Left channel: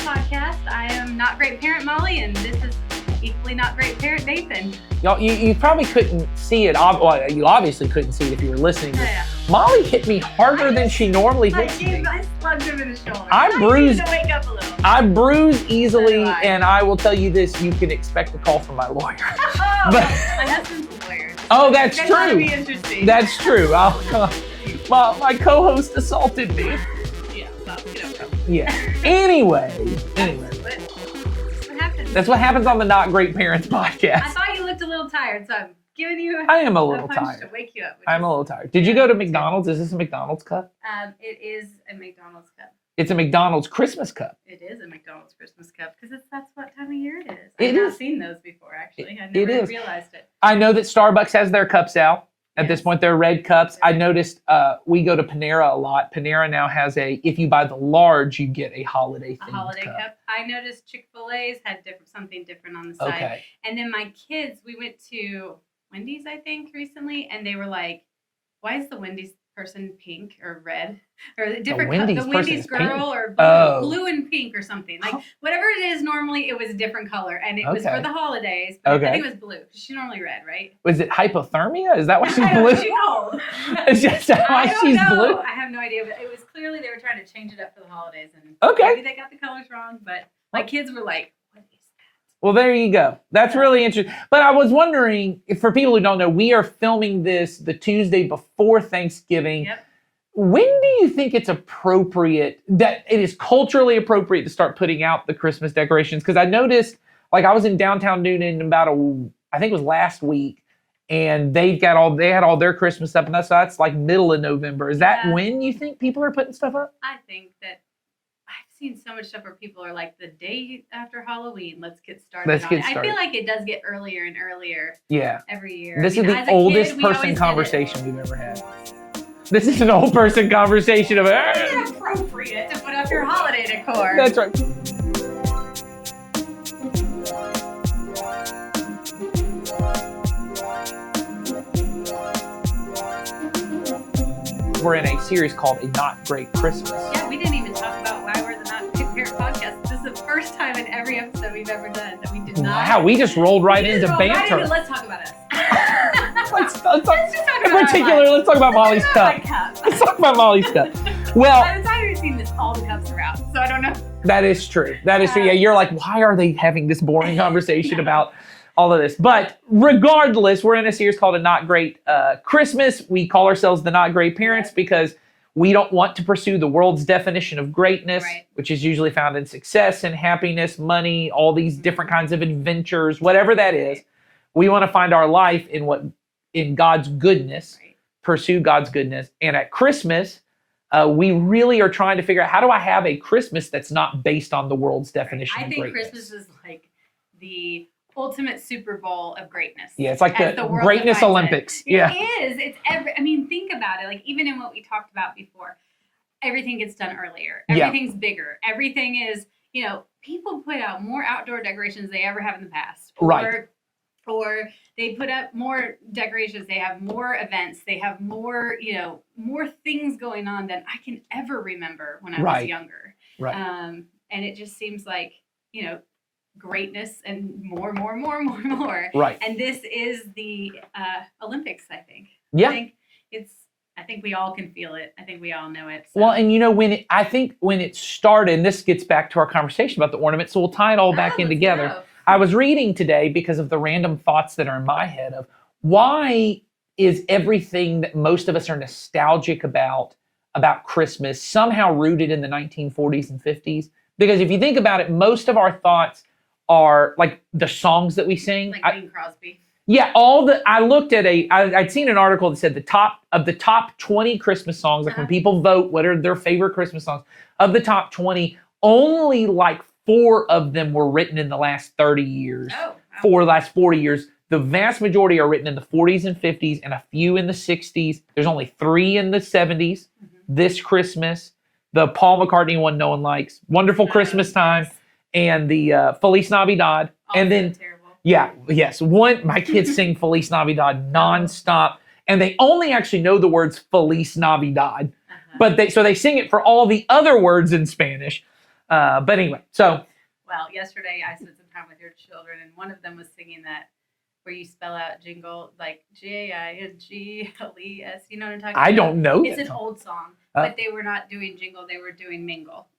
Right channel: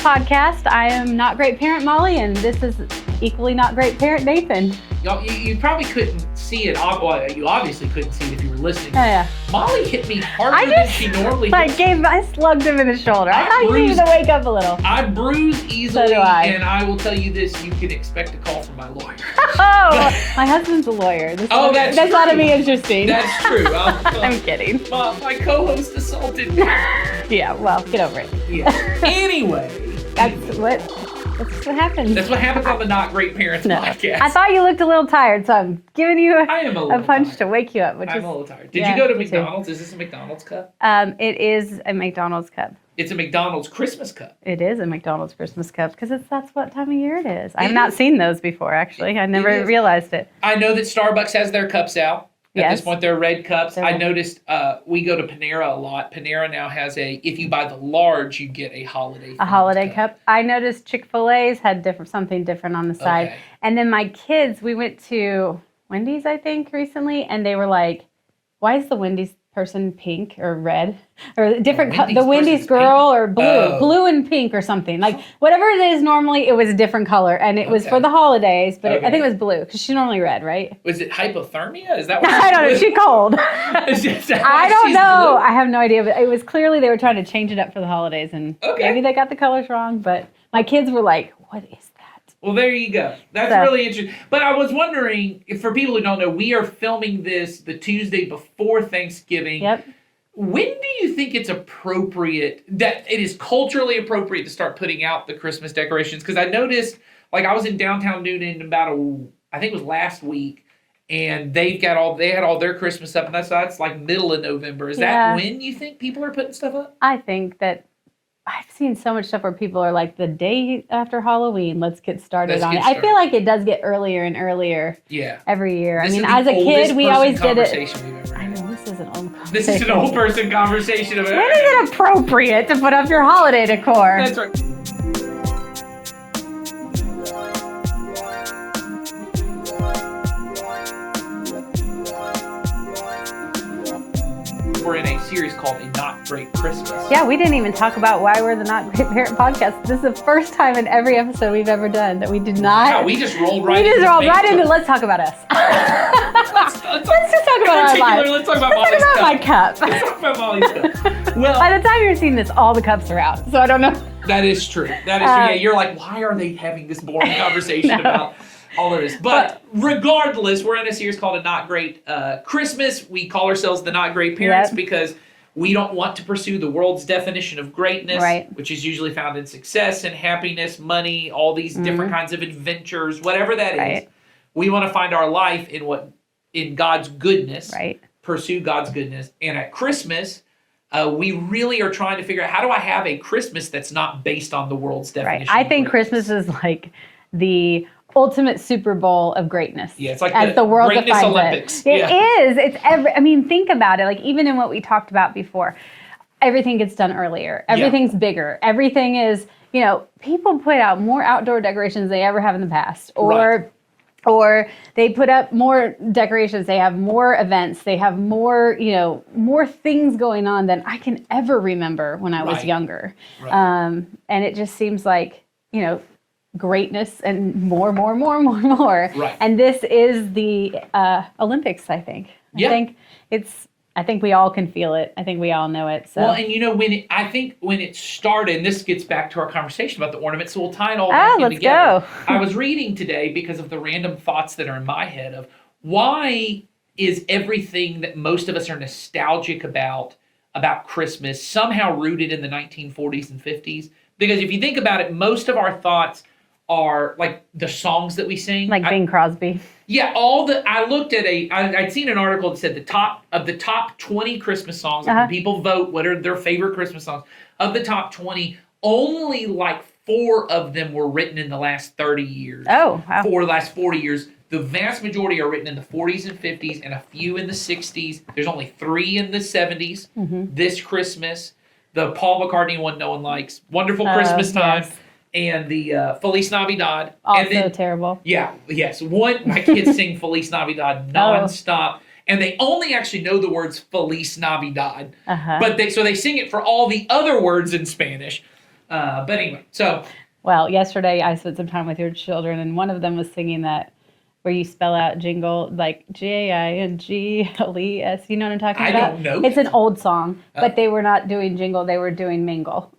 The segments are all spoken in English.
podcast. I am not great parent Molly, and this is equally not great parent Nathan. You probably couldn't see it. Well, you obviously couldn't see it if you were listening. Oh yeah. Molly hit me harder than she normally does. I slugged him in the shoulder. I thought you needed to wake up a little. I bruise easily, So do I. and I will tell you this: you can expect a call from my lawyer. Oh, my husband's a lawyer. That's That's ought to true. be interesting. That's true. I'm kidding. Well, my co-host assaulted me. Yeah. Well, get over it. Yeah. Anyway, That's what happens. that's what happens on the Not Great Parents podcast. I thought you looked a little tired, so I'm giving you I am a little punch tired. to wake you up. I'm a little tired. Did Yeah, you go to me too. McDonald's? Is this a McDonald's cup? It is a McDonald's cup. It's a McDonald's Christmas cup. It is a McDonald's Christmas cup because that's what time of year it is. It I've not is. seen those before, actually. I It never is. realized it. I know that Starbucks has their cups out. At Yes. this point, they're red cups. They're I red. noticed we go to Panera a lot. Panera now has if you buy the large, you get a holiday A holiday cup. I noticed Chick-fil-A's had something different on the side. Okay. And then my kids, we went to Wendy's, I think, recently, and they were like, why is the Wendy's person pink or red? Or different Wendy's the person Wendy's is girl pink? or blue. Oh. Blue and pink or something. Like whatever it is normally, it was a different color. And it was Okay. for the holidays, but Okay. I think it was blue because she's normally red, right? Was it hypothermia? Is that what she's I don't know. blue? She's cold. Is that why I don't she's know. blue? I have no idea. But it was clearly they were trying to change it up for the holidays, and Okay. maybe they got the colors wrong. But my kids were like, "What is that?" Well, there you go. That's So- really interesting. But I was wondering, if for people who don't know, we are filming this the Tuesday before Thanksgiving. Yep. When do you think it's appropriate, that it is culturally appropriate to start putting out the Christmas decorations? Because I noticed, like I was in downtown Newton I think it was last week, and they had all their Christmas stuff, and that's like middle of November. Is Yeah. that when you think people are putting stuff up? I think that I've seen so much stuff where people are like, the day after Halloween, let's get started Let's on get it. I started. feel like it does get earlier and earlier Yeah. every year. This I mean, is the as a oldest kid, we person always did it. conversation we've ever I had. mean, this is an old conversation. This is an old person conversation of When is it appropriate to put up your holiday decor? That's right. We're in a series called A Not Great Christmas. Yeah, we didn't even talk about why we're the Not Great Parent podcast. This is the first time in every episode we've ever done that we did not. Wow, we just rolled right We into just rolled right banter. into let's talk about us. Let's Let's just talk about our particular, lives. let's talk about Molly's Let's talk about cup. my Let's cup. talk about Molly's cup. Well, By the time you're seeing this, all the cups are out. So I don't know. that is true. That is true. Yeah, you're like, why are they having this boring conversation No. about all of this? But regardless, we're in a series called A Not Great Christmas. We call ourselves the Not Great Parents Yep. because we don't want to pursue the world's definition of greatness, Right. which is usually found in success and happiness, money, all these different kinds of adventures, whatever that is. Right. We want to find our life in God's goodness, Right. pursue God's goodness. And at Christmas, we really are trying to figure out, how do I have a Christmas that's not based on the world's Right. definition I of think greatness? Christmas is like the ultimate Super Bowl of greatness. Yeah, it's like as the world Greatness defines Olympics. It Yeah. is. It's I mean, think about it. Like even in what we talked about before, everything gets done earlier. Everything's bigger. Everything is, people put out more outdoor decorations than they ever have in the past. Or they put up more decorations. They have more events. They have more, more things going on than I can ever remember when I was Right. younger. Right. And it just seems like, greatness and more. Right. And this is the Olympics, I think. Yeah. I think we all can feel it. I think we all know it. So. Well, and I think when it started, and this gets back to our conversation about the ornaments, so we'll tie it all back in let's together. go. I was reading today because of the random thoughts that are in my head of why is everything that most of us are nostalgic about Christmas somehow rooted in the 1940s and 50s? Because if you think about it, most of our thoughts are like the songs that we sing. like Bing Crosby. Yeah, I looked at I'd seen an article that said the top 20 Christmas songs, like when people vote what are their favorite Christmas songs, of the top 20, only like 4 of them were written in the last 30 years. Oh, wow. For the last 40 years. The vast majority are written in the 40s and 50s and a few in the 60s. There's only 3 in the 70s. This Christmas, the Paul McCartney one no one likes, Wonderful Christmas Time. Yes. And the Feliz Navidad. Also and then, terrible. yeah, yes. My kids sing Feliz Navidad nonstop. And they only actually know the words Feliz Navidad. But they sing it for all the other words in Spanish. But anyway, so Well, yesterday I spent some time with your children, and one of them was singing that where you spell out jingle like Jingle. You know what I'm talking about? I don't know. It's an old song, but they were not doing jingle; they were doing mingle.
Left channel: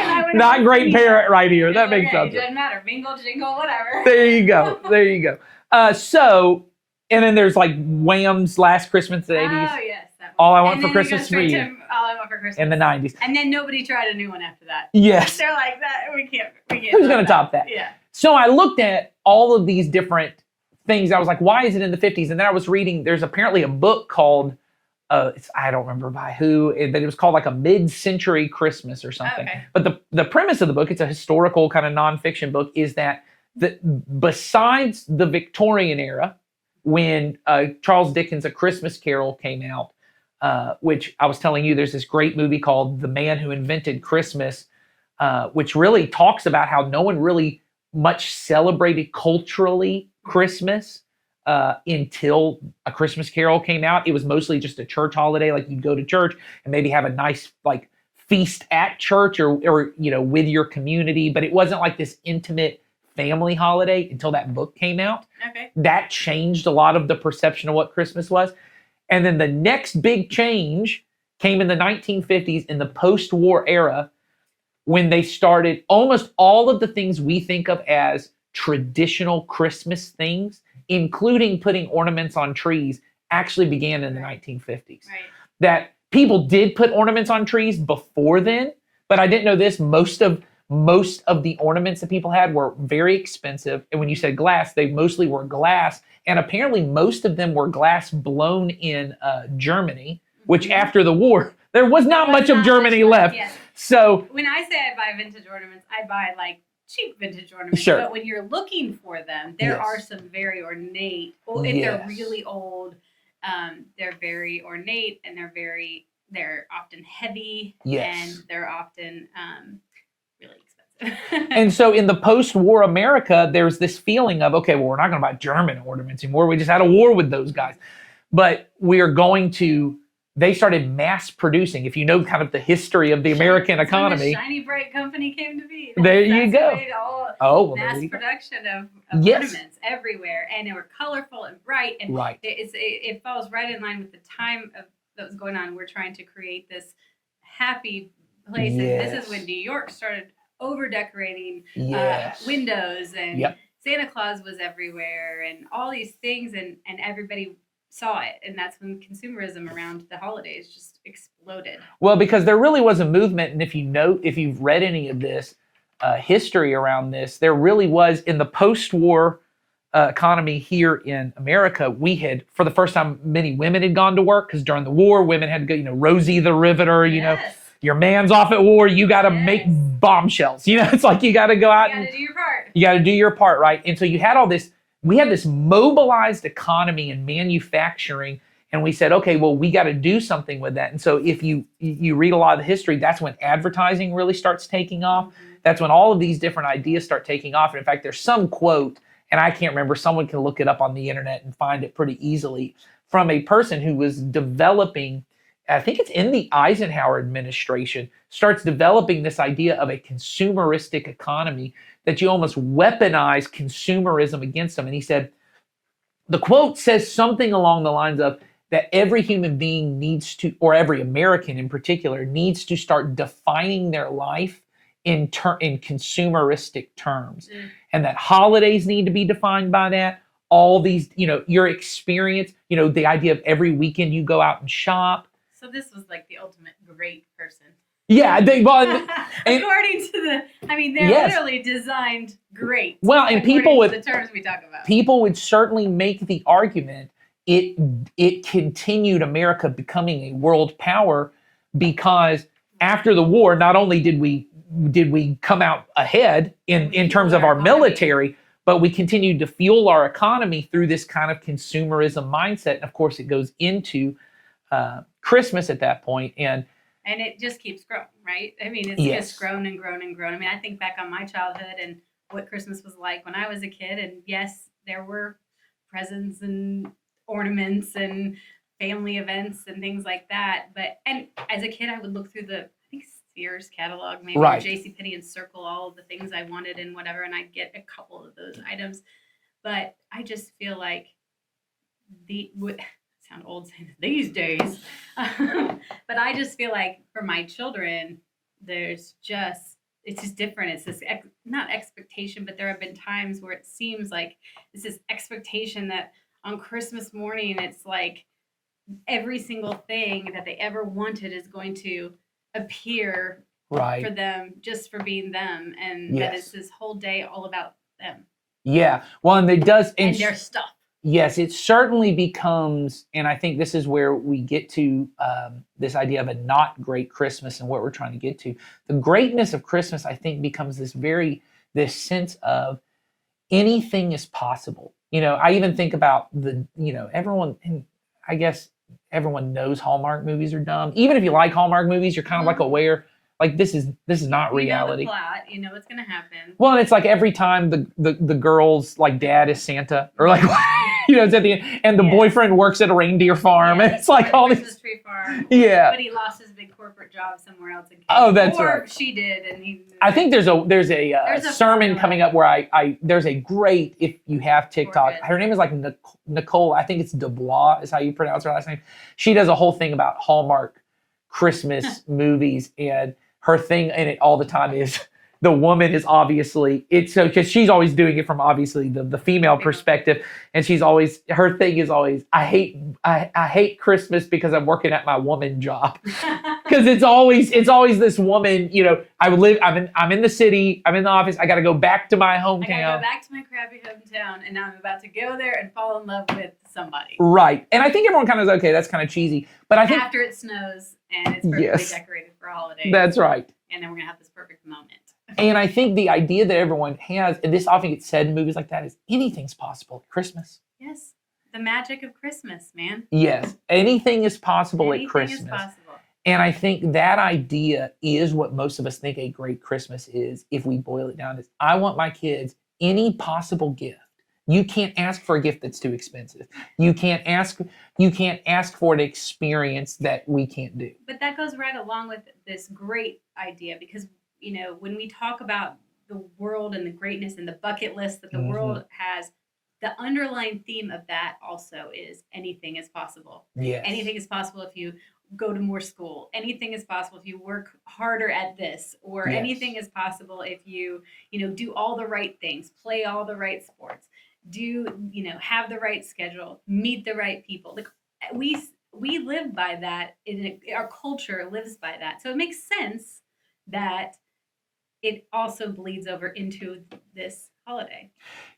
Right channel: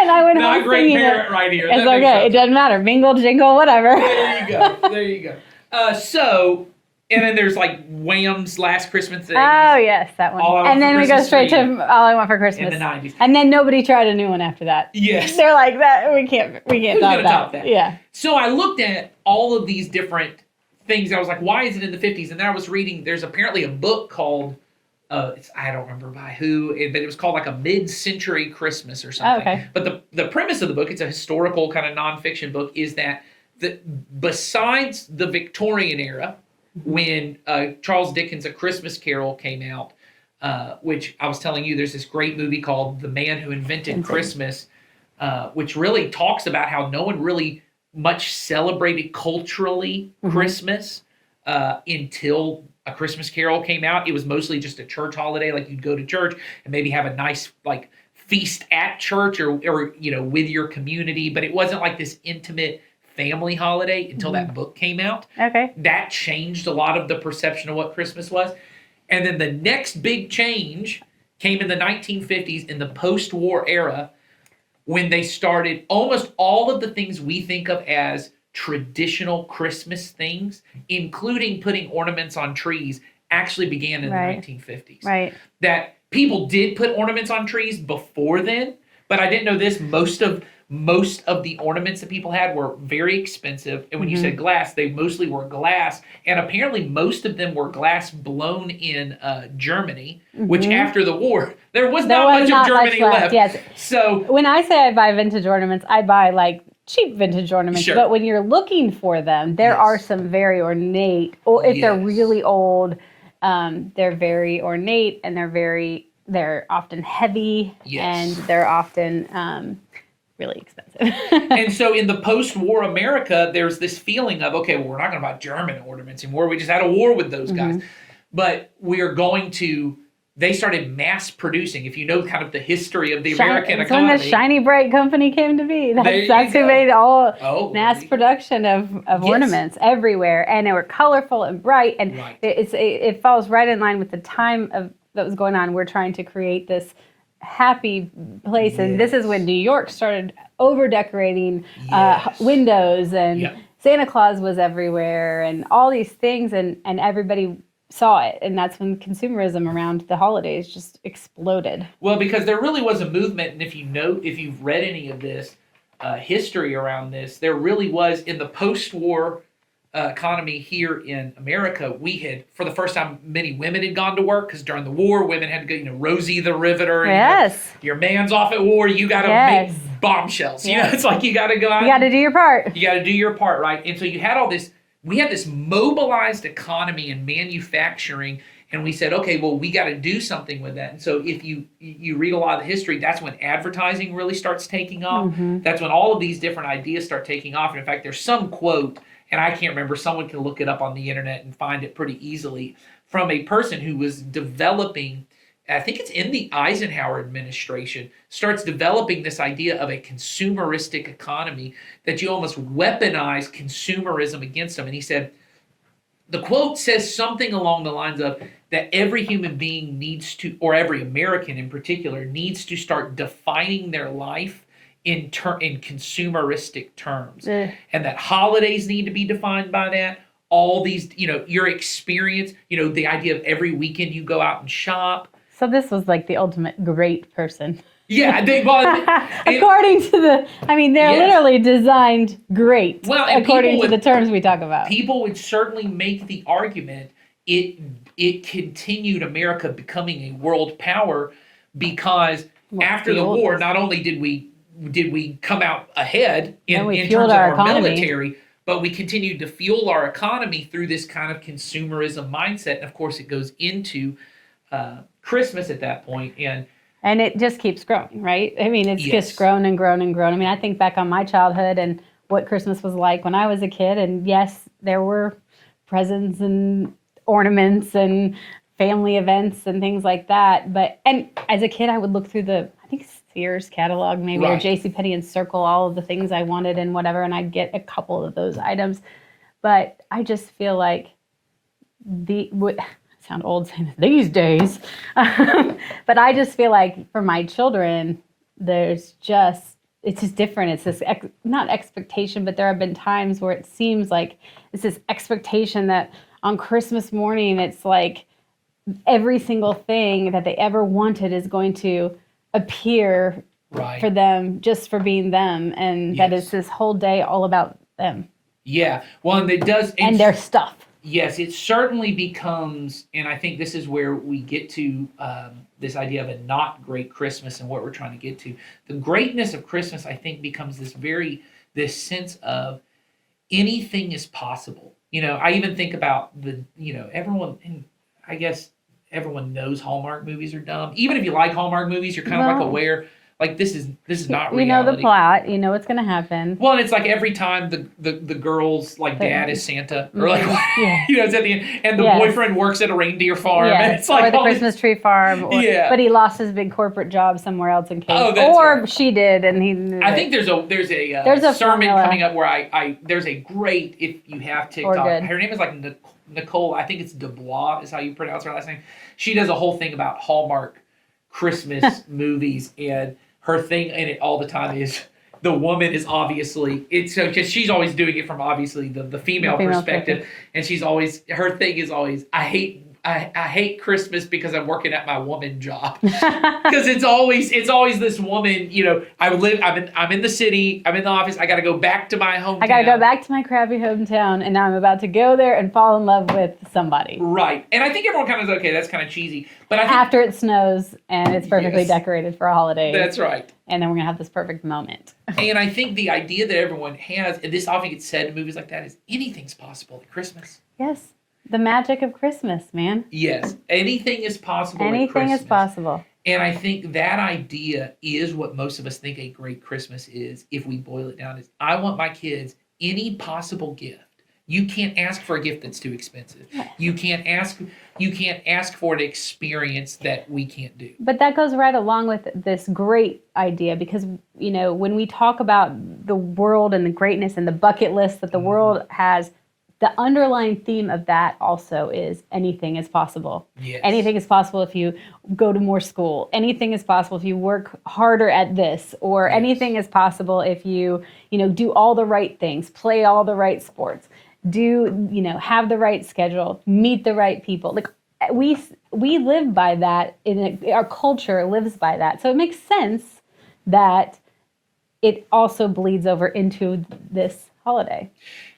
And I would not great parent right here. It's That makes okay. sense. It doesn't matter. Mingle, jingle, whatever. There you go. There you go. And then there's like Wham's Last Christmas in the 80s. Oh yes, that one. All I Want and for then Christmas we go straight Is Me. to All I Want for Christmas In the 90s. And then nobody tried a new one after that. Yes. They're like that. We can't. Who's going to top that? Yeah. So I looked at all of these different things. I was like, why is it in the 50s? And then I was reading, there's apparently a book called, I don't remember by who, but it was called like a mid-century Christmas or something. Okay. But the premise of the book, it's a historical kind of nonfiction book, is that besides the Victorian era, when Charles Dickens' A Christmas Carol came out, which I was telling you, there's this great movie called The Man Who Invented Christmas, which really talks about how no one really much celebrated culturally Christmas until A Christmas Carol came out. It was mostly just a church holiday, like you'd go to church and maybe have a nice like feast at church or with your community, but it wasn't like this intimate family holiday until that book came out. Okay. That changed a lot of the perception of what Christmas was. And then the next big change came in the 1950s in the post-war era when they started almost all of the things we think of as traditional Christmas things, including putting ornaments on trees, actually began in the 1950s. Right. That people did put ornaments on trees before then, but I didn't know this. Most of the ornaments that people had were very expensive. And when you said glass, they mostly were glass. And apparently most of them were glass blown in Germany, which after the war, there was not much of Germany left. Yes. So when I say I buy vintage ornaments, I buy like cheap vintage ornaments. Sure. But when you're looking for them, there are some very ornate, if they're really old, they're very ornate and they're often heavy and they're often really expensive. And so in the post-war America, there's this feeling of, okay, well, we're not going to buy German ornaments anymore. We just had a war with those guys. But we are going to, they started mass producing. If you know kind of the history of the American economy. When the Shiny Bright Company came to be. That's you go. who made all mass there you production of ornaments everywhere. And they were colorful and bright. And it falls right in line with the time that was going on. We're trying to create this happy place, and this is when New York started over decorating windows, and Santa Claus was everywhere, and all these things, and everybody saw it, and that's when consumerism around the holidays just exploded. Well, because there really was a movement, and if you've read any of this history around this, there really was in the post-war economy here in America. We had, for the first time, many women had gone to work because during the war, women had to go, Rosie the Riveter, your man's off at war, you got to make bombshells. You know, it's like you got to go out. You got to do your part. You got to do your part, right? And so you had all this, we had this mobilized economy and manufacturing, and we said, okay, well, we got to do something with that. And so if you read a lot of the history, that's when advertising really starts taking off. That's when all of these different ideas start taking off. And in fact, there's some quote, and I can't remember, someone can look it up on the internet and find it pretty easily, from a person who was developing, I think it's in the Eisenhower administration, starts developing this idea of a consumeristic economy, that you almost weaponize consumerism against them. And he said, the quote says something along the lines of that every human being needs to, or every American in particular, needs to start defining their life in consumeristic terms, and that holidays need to be defined by that. All these, your experience, the idea of every weekend you go out and shop. So this was like the ultimate great person. Yeah, according to they literally designed great. Well, and according to the terms we talk about. People would certainly make the argument it continued America becoming a world power because after the war, not only did we come out ahead in terms of our military, but we continued to fuel our economy through this kind of consumerism mindset. And of course, it goes into Christmas at that point. And it just keeps growing, right? I mean, it's just grown and grown and grown. I mean, I think back on my childhood and what Christmas was like when I was a kid. And yes, there were presents and ornaments and family events and things like that. And as a kid, I would look through I think Sears catalog, maybe, or Right. JCPenney, and circle all of the things I wanted and whatever, and I'd get a couple of those items. But I just feel like sound old saying this these days, but I just feel like for my children, it's just different. It's this not expectation, but there have been times where it seems like it's this expectation that on Christmas morning, it's like every single thing that they ever wanted is going to appear Right. for them just for being them, and that Yes. it's this whole day all about them Yeah. Well, and it does. and their stuff. Yes, it certainly becomes, and I think this is where we get to this idea of a not great Christmas and what we're trying to get to. The greatness of Christmas, I think, becomes this sense of anything is possible. I even think about everyone, and I guess everyone knows Hallmark movies are dumb. Even if you like Hallmark movies, you're kind of like Well, aware, like this is not You know reality. the plot. You know what's going to happen. Well, and it's like every time the girl's like dad is Santa, or like Yeah. it's at the end, and the Yes. boyfriend works at a reindeer farm, and Yes, it's like or the all Christmas tree farm. Yeah. But he lost his big corporate job somewhere else in case. Oh, that's or right. she did, and he. I think there's a There's a sermon formula. coming up where there's a great, if you have TikTok, good. her name is like Nicole, I think it's Dubois is how you pronounce her last name. She does a whole thing about Hallmark Christmas movies, and her thing in it all the time is the woman is obviously, it's so, because she's always doing it from obviously the female perspective, and she's always, her thing is always, I hate Christmas because I'm working at my woman job. Because it's always this woman, I'm in the city, I'm in the office, I got to go back to my hometown. I got to go back to my crappy hometown, and now I'm about to go there and fall in love with somebody. Right. And I think everyone kind of is okay, that's kind of cheesy. But I think After it snows and it's perfectly Yes. decorated for a holiday. that's right. And then we're going to have this perfect moment. And I think the idea that everyone has, and this often gets said in movies like that, is anything's possible at Christmas. Yes. The magic of Christmas, man. Yes, anything is possible at Anything Christmas. is possible. And I think that idea is what most of us think a great Christmas is, if we boil it down, is I want my kids any possible gift. You can't ask for a gift that's too expensive. You can't ask for an experience that we can't do. But that goes right along with this great idea, because when we talk about the world and the greatness and the bucket list that the world has, the underlying theme of that also is anything is possible. Yes. Anything is possible if you go to more school. Anything is possible if you work harder at this, or Yes. anything is possible if you do all the right things, play all the right sports, have the right schedule, meet the right people. Like we live by that, our culture lives by that. So it makes sense that it also bleeds over into this holiday.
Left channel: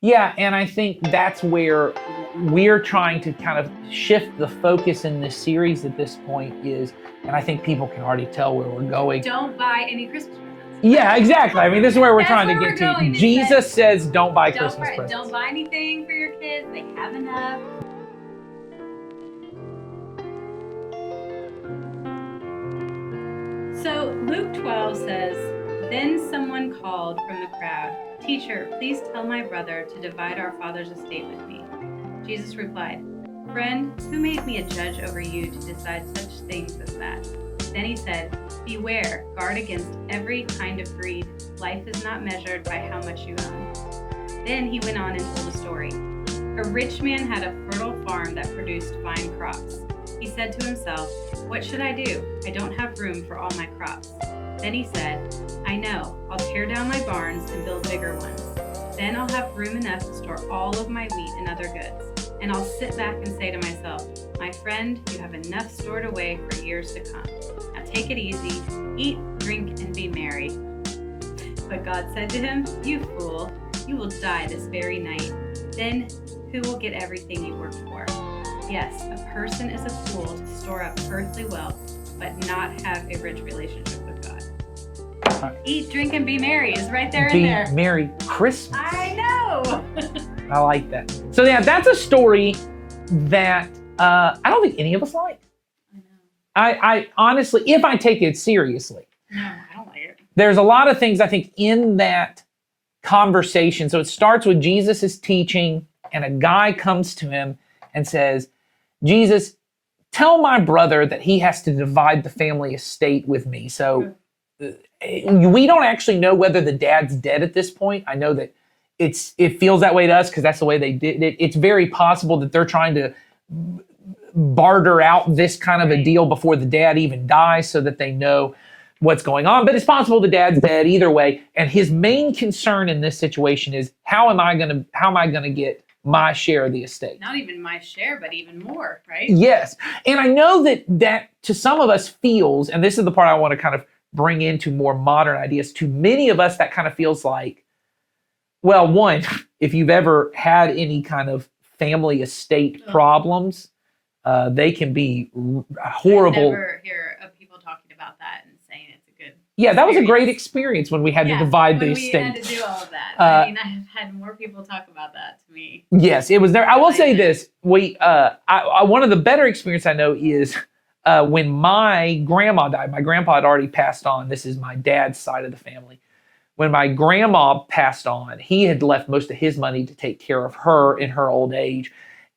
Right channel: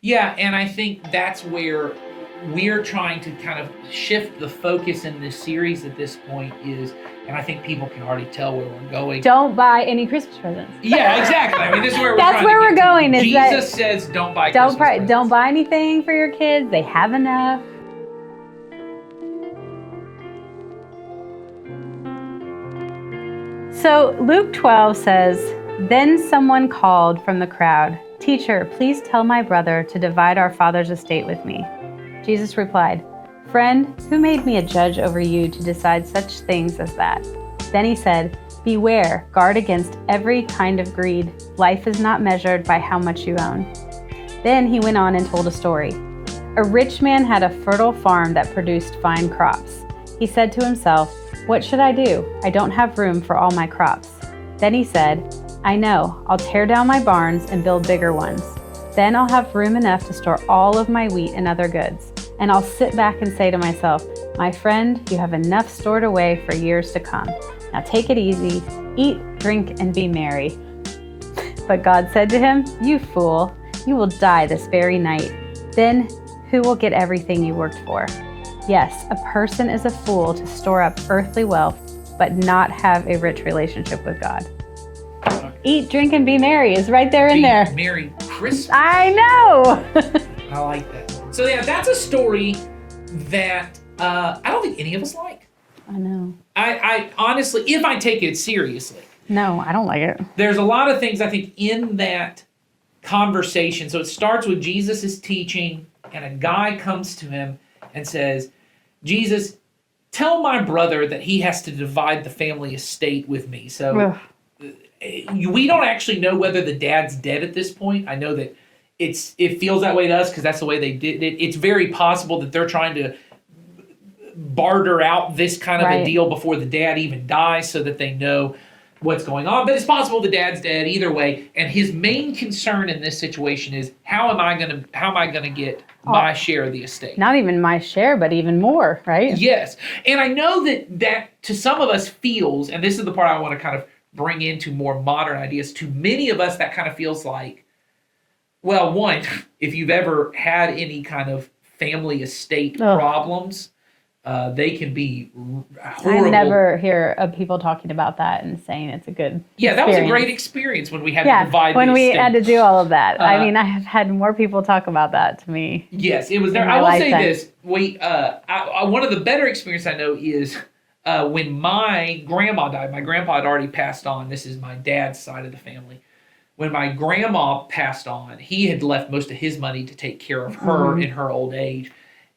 Yeah, and I think that's where we're trying to kind of shift the focus in this series at this point is, and I think people can already tell where we're going. Don't buy any Christmas presents. Yeah, exactly. I mean, this is where we're That's trying where to we're get going, to. is that- Jesus says don't buy Christmas presents. Don't buy anything for your kids. They have enough. So Luke 12 says, "Then someone called from the crowd, 'Teacher, please tell my brother to divide our father's estate with me.' Jesus replied, 'Friend, who made me a judge over you to decide such things as that?' Then he said, 'Beware, guard against every kind of greed. Life is not measured by how much you own.' Then he went on and told a story. A rich man had a fertile farm that produced fine crops. He said to himself, 'What should I do? I don't have room for all my crops.' Then he said, 'I know, I'll tear down my barns and build bigger ones. Then I'll have room enough to store all of my wheat and other goods. And I'll sit back and say to myself, my friend, you have enough stored away for years to come. Now take it easy, eat, drink, and be merry.' But God said to him, 'You fool, you will die this very night. Then who will get everything you worked for?' Yes, a person is a fool to store up earthly wealth, but not have a rich relationship with God." Eat, drink, and be merry is right there in Be there. Merry Christmas. I know. I like that. So yeah, that's a story that I don't think any of us like. I know. I honestly, if I take it seriously, No, I don't like it. there's a lot of things I think in that conversation. So it starts with Jesus is teaching, and a guy comes to him and says, "Jesus, tell my brother that he has to divide the family estate with me. So we don't actually know whether the dad's dead at this point. I know that it feels that way to us because that's the way they did it. It's very possible that they're trying to barter out this kind of a deal before the dad even dies so that they know what's going on. But it's possible the dad's dead either way. And his main concern in this situation is how am I gonna get my share of the estate? Not even my share, but even more, right? Yes. And I know that to some of us feels, and this is the part I want to kind of bring into more modern ideas, to many of us that kind of feels like, well, one, if you've ever had any kind of family estate problems, they can be horrible. I never hear of people talking about that and saying it's a good that was a great experience when we had to divide when the we estate. had to do all of that. I mean, I have had more people talk about that to me. Yes, it was there. I will say this. One of the better experience I know is when my grandma died. My grandpa had already passed on. This is my dad's side of the family. When my grandma passed on, he had left most of his money to take care of her in her old age.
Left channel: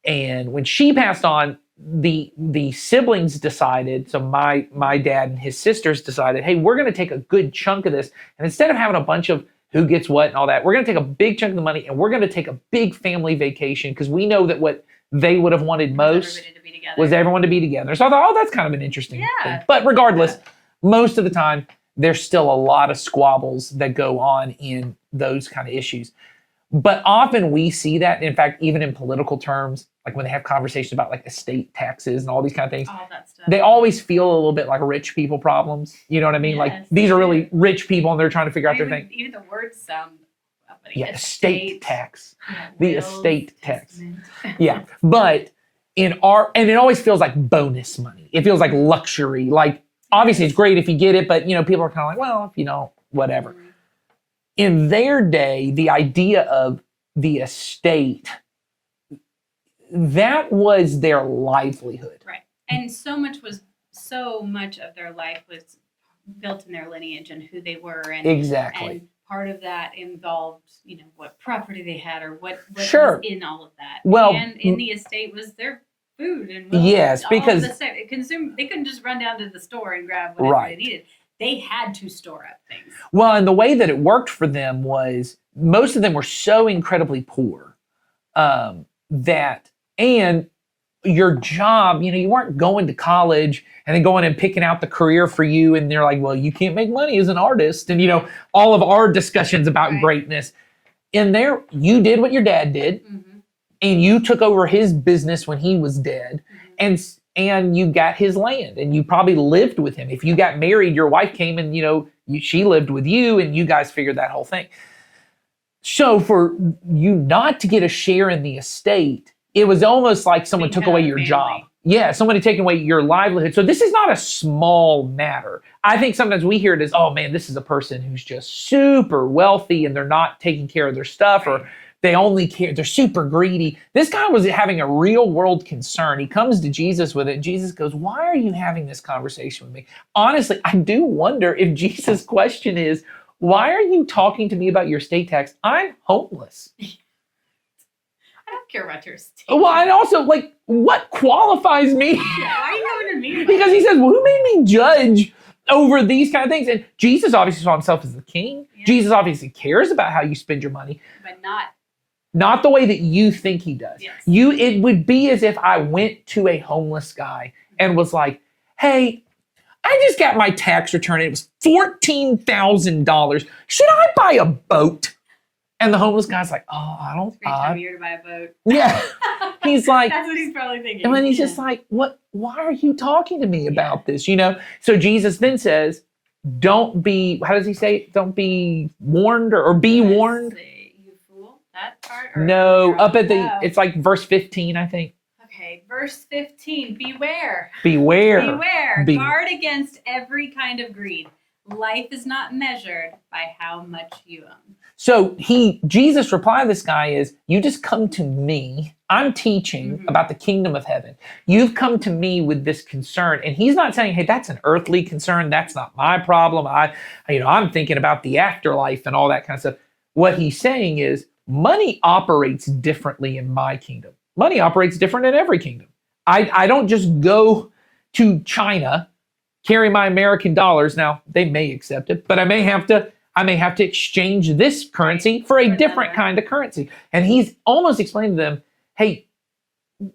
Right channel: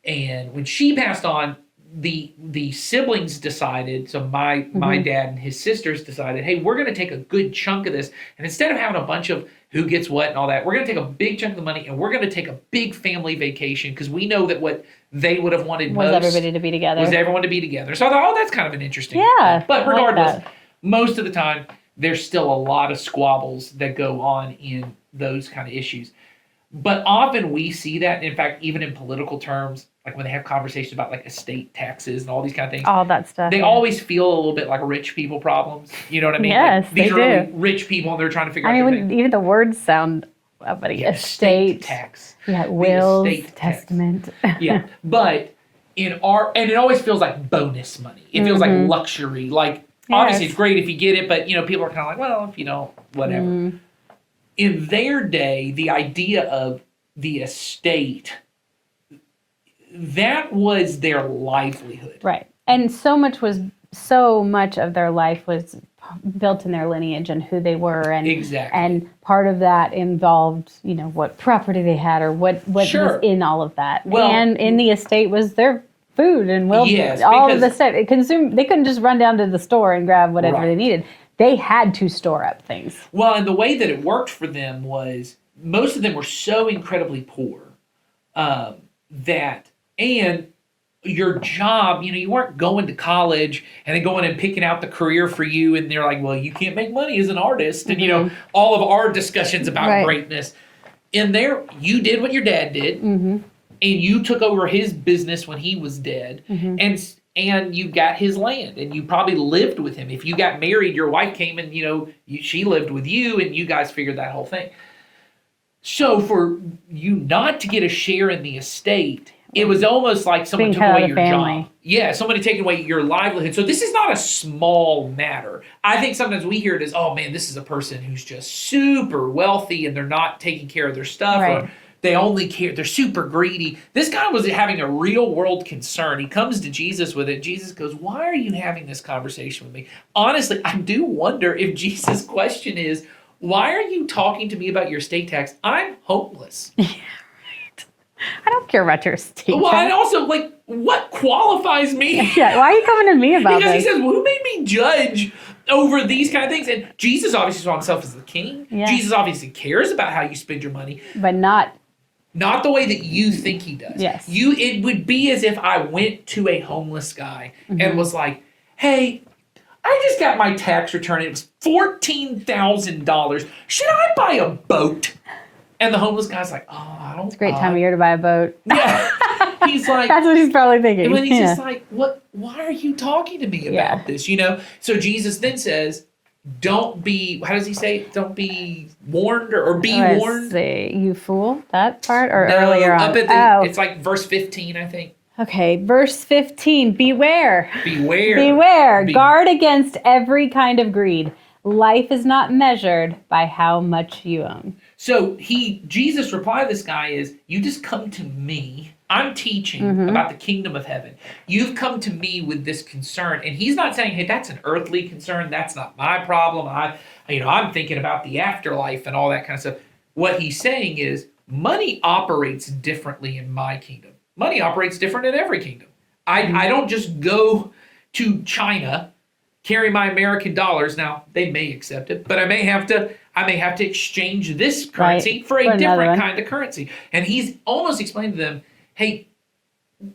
And when she passed on, the siblings decided, so my dad and his sisters decided, hey, we're going to take a good chunk of this. And instead of having a bunch of who gets what and all that, we're going to take a big chunk of the money and we're going to take a big family vacation because we know that what they would have wanted most was everybody to be together. Was everyone to be together. So I thought, that's kind of an interesting thing. But regardless, most of the time, there's still a lot of squabbles that go on in those kind of issues. But often we see that, in fact, even in political terms, like when they have conversations about like estate taxes and all these kind of things. All that stuff. They always feel a little bit like rich people problems. You know what I mean? Yes, like, these are really rich people and they're trying to figure out their thing. Even the words sound estate tax. Yeah, wills, estate testament. Yeah, but and it always feels like bonus money. It feels like luxury. Like obviously it's great if you get it, but people are kind of like, well, if you don't, whatever. In their day, the idea of the estate, that was their livelihood. Right. And so much of their life was built in their lineage and who they were. And exactly. And part of that involved, what property they had or what was in all of that. Well, and in the estate was their food and yes, all of the stuff. They couldn't just run down to the store and grab whatever they needed. They had to store up things. Well, and the way that it worked for them was most of them were so incredibly poor and your job, you weren't going to college and then going and picking out the career for you. And they're like, well, you can't make money as an artist. And, all of our discussions about greatness. In there, you did what your dad did. And you took over his business when he was dead. And you got his land and you probably lived with him. If you got married, your wife came and, she lived with you and you guys figured that whole thing. So for you not to get a share in the estate, it was almost like someone took away your job. Yeah, somebody taking away your livelihood. So this is not a small matter. I think sometimes we hear it as, oh man, this is a person who's just super wealthy and they're not taking care of their stuff or they only care, they're super greedy. This guy was having a real world concern. He comes to Jesus with it. Jesus goes, why are you having this conversation with me? Honestly, I do wonder if Jesus' question is, why are you talking to me about your estate tax? I'm homeless. Yeah, right. I don't care about your estate tax. Well, and also, what qualifies me? Yeah, why are you coming to me about Because this? he says, well, who made me judge over these kind of things? And Jesus obviously saw himself as the king. Yeah. Jesus obviously cares about how you spend your money. But not the way that you think he does. Yes. It would be as if I went to a homeless guy and was like, hey, I just got my tax return. It was $14,000. Should I buy a boat? And the homeless guy's like, oh, I don't. It's a great time of year to buy a boat. Yeah. He's like. That's what he's probably thinking. And then he's just like, what? Why are you talking to me about this? So Jesus then says, don't be, how does he say it? Don't be warned or be warned. Say, you fool, that part? Or no, earlier on? Up at it's like verse 15, I think. Okay, verse 15, beware. Beware. Guard against every kind of greed. Life is not measured by how much you own. So Jesus' reply to this guy is, you just come to me. I'm teaching about the kingdom of heaven. You've come to me with this concern. And he's not saying, hey, that's an earthly concern. That's not my problem. I'm thinking about the afterlife and all that kind of stuff. What he's saying is money operates differently in my kingdom. Money operates different in every kingdom. I don't just go to China, carry my American dollars. Now they may accept it, but I may have to exchange this currency for a different kind of currency. And he's almost explaining to them, hey,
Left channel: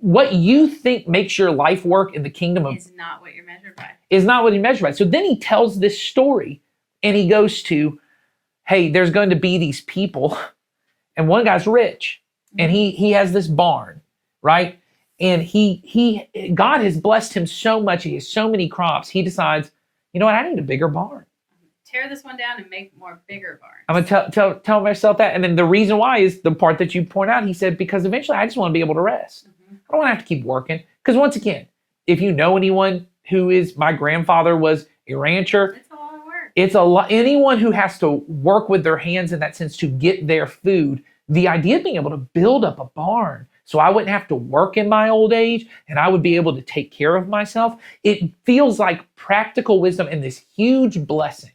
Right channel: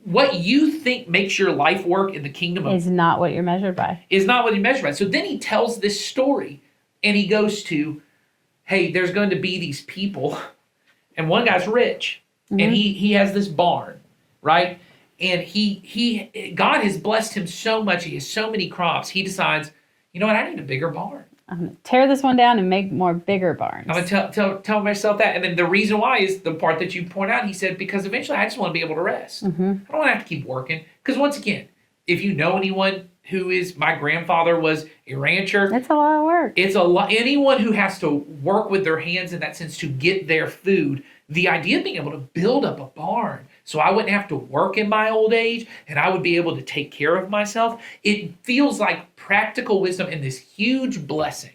what you think makes your life work in the kingdom of is not what you're measured by. Is not what he measured by. So then he tells this story and he goes to, hey, there's going to be these people, and one guy's rich, and he has this barn, right? And God has blessed him so much. He has so many crops. He decides, you know what? I need a bigger barn. I'm going to tear this one down and make more bigger barns. I'm going to tell myself that. And then the reason why is the part that you point out. He said, because eventually I just want to be able to rest. I don't want to have to keep working. Because once again, if you know anyone who is, my grandfather was a rancher. It's a lot of work. It's a lot. Anyone who has to work with their hands in that sense to get their food, the idea of being able to build up a barn so I wouldn't have to work in my old age and I would be able to take care of myself, it feels like practical wisdom and this huge blessing.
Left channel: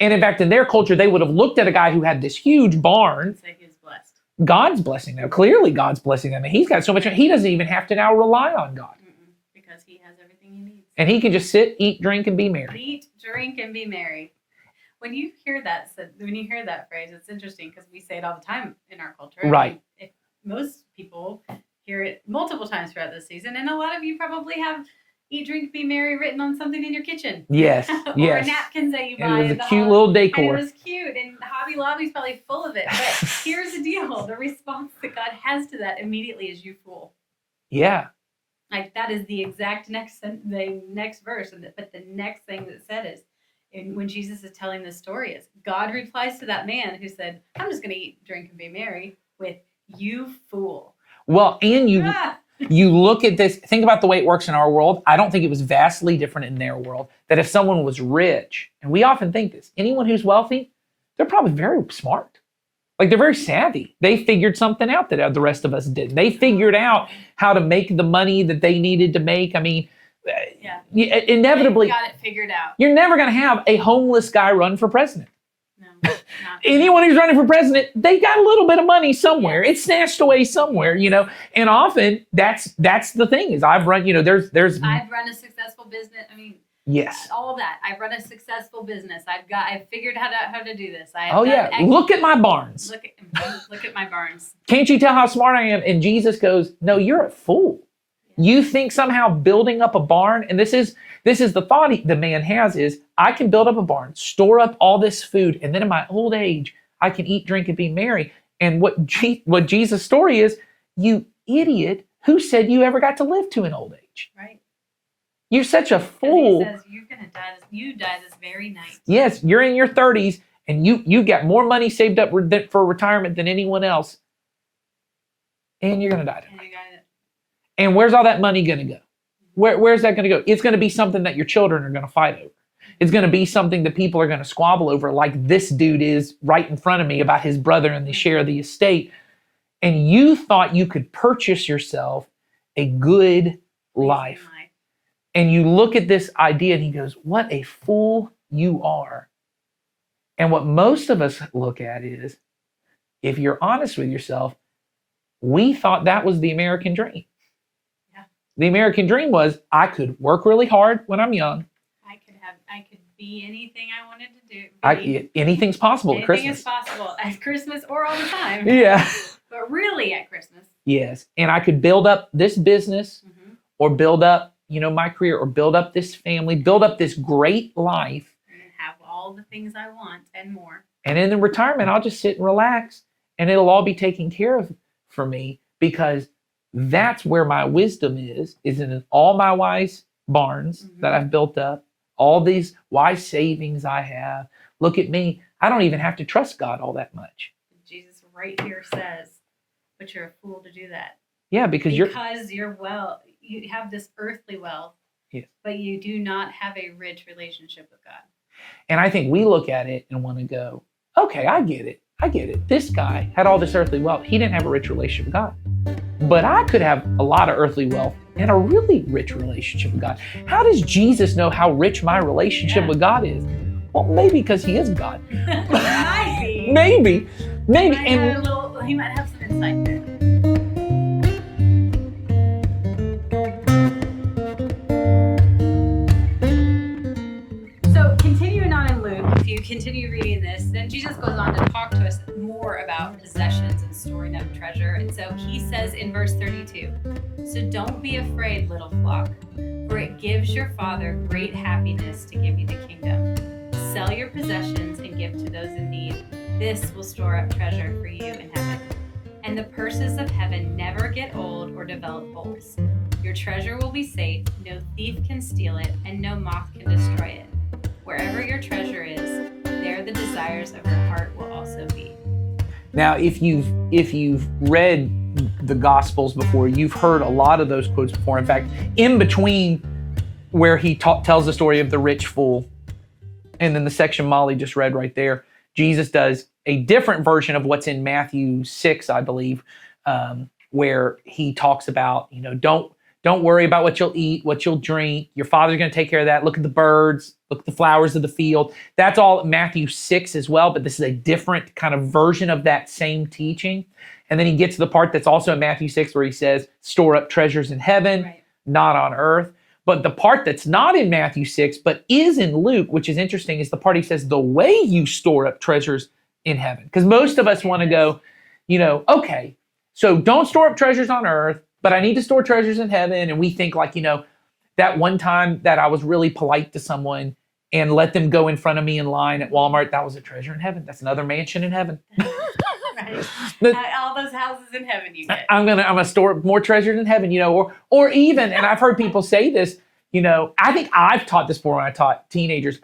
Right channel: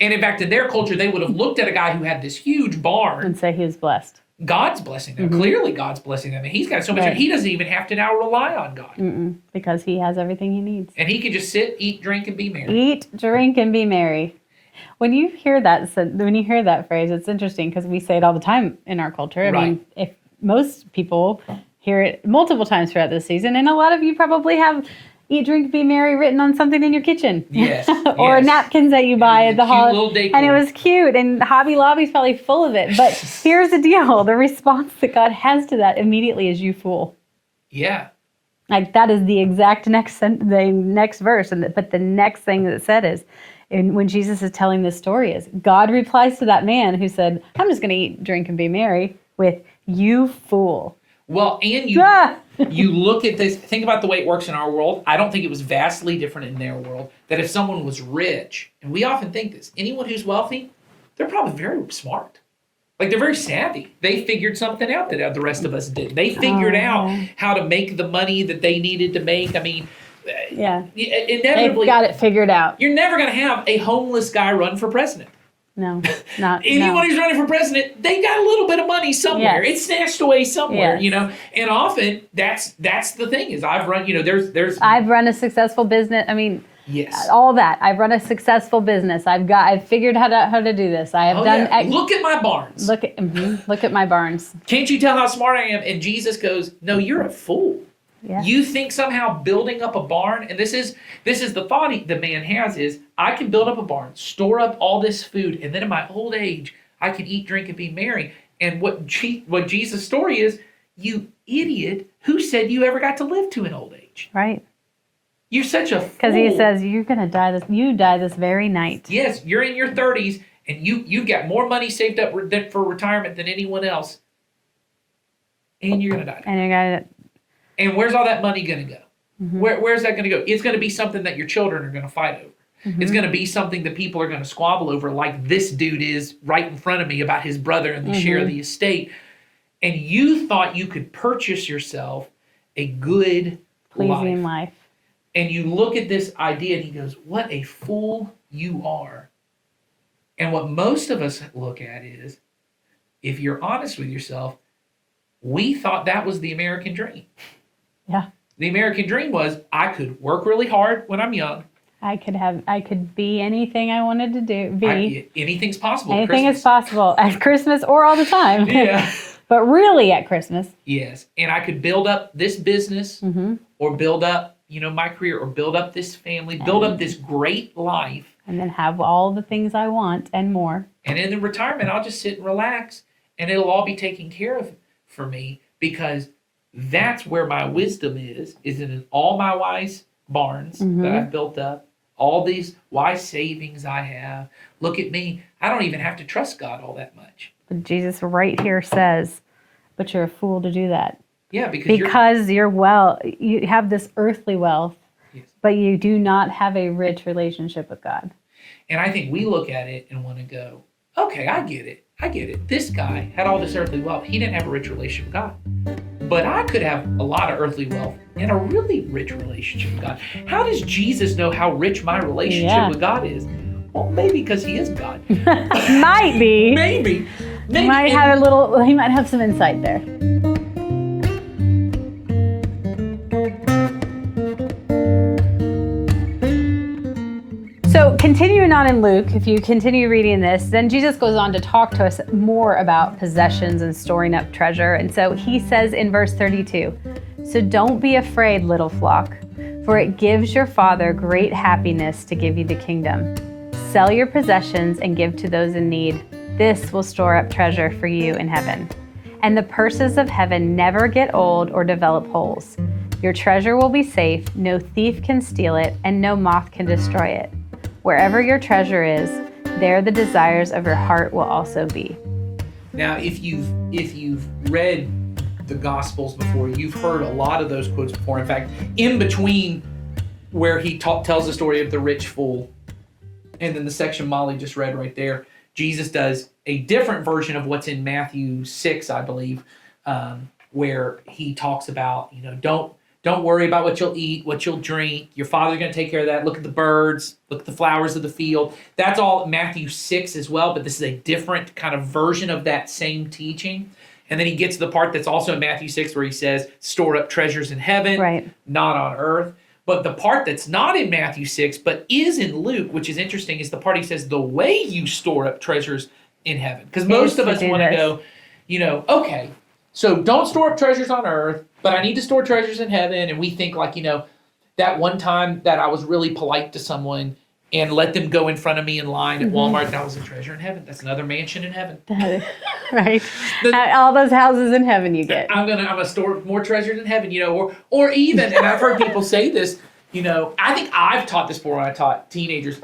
And in fact, in their culture, they would have looked at a guy who had this huge barn and say he was blessed. God's blessing them. Clearly, God's blessing them. And he's got so much. He doesn't even have to now rely on God. Because he has everything he needs. And he can just sit, eat, drink, and be merry. Eat, drink, and be merry. When you hear that phrase, it's interesting because we say it all the time in our culture. I mean, if most people hear it multiple times throughout this season, and a lot of you probably have eat, drink, be merry written on something in your kitchen. Yes. Or napkins that you buy at the holiday. Little decor. And it was cute. And Hobby Lobby's probably full of it. But here's the deal. The response that God has to that immediately is, you fool. Yeah. Like that is the exact the next verse. But the next thing that it said is, and when Jesus is telling this story, is God replies to that man who said, I'm just going to eat, drink, and be merry, with, you fool. Well, and you look at this, think about the way it works in our world. I don't think it was vastly different in their world, that if someone was rich, and we often think this, anyone who's wealthy, they're probably very smart. Like they're very savvy. They figured something out that the rest of us didn't. They figured out how to make the money that they needed to make. I mean, inevitably, they've got it figured out. You're never going to have a homeless guy run for president. No, not anyone who's running for president. They got a little bit of money somewhere. Yes. It's snatched away somewhere, Yes. you know. And often that's the thing is I've run. You know, there's. I've run a successful business. I mean, yes, all that. I've run a successful business. I've figured how to do this. I have done. Yeah. Look at my barns. Look at my barns. Can't you tell how smart I am? And Jesus goes, no, you're a fool. Yeah. You think somehow building up a barn, and this is the thought the man has is, I can build up a barn, store up all this food, and then in my old age, I can eat, drink, and be merry. And what Jesus' story is, you idiot, who said you ever got to live to an old age? Right. You're such a fool. Because he says, you're going to die you die this very night. Yes, you're in your 30s, and you've got more money saved up for retirement than anyone else, and you're going to die. And you're going to... And where's all that money going to go? Where's that going to go? It's going to be something that your children are going to fight over. It's going to be something that people are going to squabble over, like this dude is right in front of me about his brother and the share of the estate. And you thought you could purchase yourself a good pleasing life. And you look at this idea and he goes, what a fool you are. And what most of us look at is, if you're honest with yourself, we thought that was the American dream. Yeah. The American dream was, I could work really hard when I'm young. I could be anything I wanted to be. Anything's possible at Anything Christmas. is possible at Christmas or all the time. Yeah. But really at Christmas. Yes. And I could build up this business or build up, my career, or build up this family, build up this great life. And then have all the things I want and more. And in the retirement, I'll just sit and relax and it'll all be taken care of for me, because that's where my wisdom is in all my wise barns that I've built up, all these wise savings I have. Look at me. I don't even have to trust God all that much. But Jesus right here says, but you're a fool to do that. Yeah, because you have this earthly wealth, yes, but you do not have a rich relationship with God. And I think we look at it and want to go, okay, I get it. This guy had all this earthly wealth. He didn't have a rich relationship with God. But I could have a lot of earthly wealth and a really rich relationship with God. How does Jesus know how rich my relationship with God is? Well, maybe because he is God. Might be. Maybe. He might have some insight there. you continue reading this, then Jesus goes on to talk to us more about possessions and storing up treasure. And so he says in verse 32, "So don't be afraid, little flock, for it gives your Father great happiness to give you the kingdom. Sell your possessions and give to those in need. This will store up treasure for you in heaven. And the purses of heaven never get old or develop holes. Your treasure will be safe, no thief can steal it, and no moth can destroy it. Wherever your treasure is, there the desires of your heart will also be." Now, if you've read the Gospels before, you've heard a lot of those quotes before. In fact, in between where he tells the story of the rich fool, and then the section Molly just read right there, Jesus does a different version of what's in Matthew 6, I believe, where he talks about, don't worry about what you'll eat, what you'll drink. Your Father's going to take care of that. Look at the birds, look at the flowers of the field. That's all Matthew 6 as well, but this is a different kind of version of that same teaching. And then he gets to the part that's also in Matthew 6 where he says, store up treasures in heaven, Right. not on earth. But the part that's not in Matthew 6, but is in Luke, which is interesting, is the part he says, the way you store up treasures in heaven. Because most of us want to go, okay, so don't store up treasures on earth, but I need to store treasures in heaven. And we think like, that one time that I was really polite to someone and let them go in front of me in line at Walmart, that was a treasure in heaven. That's another mansion in heaven. Right. All those houses in heaven you get. I'm gonna store more treasures in heaven, or even, and I've heard people say this, I think I've taught this before when I taught teenagers.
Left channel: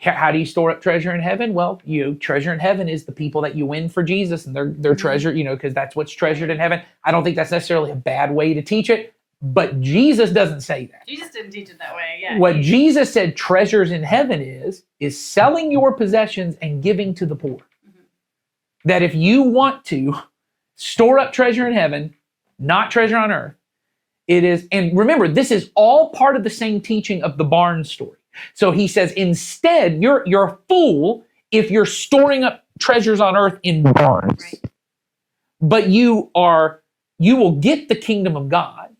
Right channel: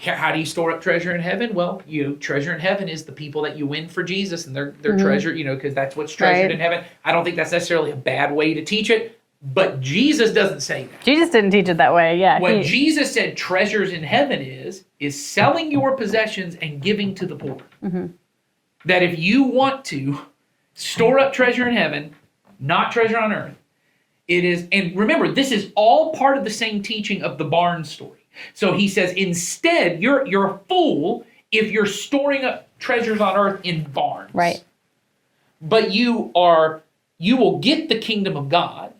How do you store up treasure in heaven? Well, treasure in heaven is the people that you win for Jesus and their treasure, because that's what's treasured in heaven. I don't think that's necessarily a bad way to teach it, but Jesus doesn't say that. Jesus didn't teach it that way, yeah. What Jesus said treasures in heaven is selling your possessions and giving to the poor. Mm-hmm. That if you want to store up treasure in heaven, not treasure on earth, it is, and remember, this is all part of the same teaching of the barn story. So he says, instead, you're a fool if you're storing up treasures on earth in barns. Right. But you will get the kingdom of God.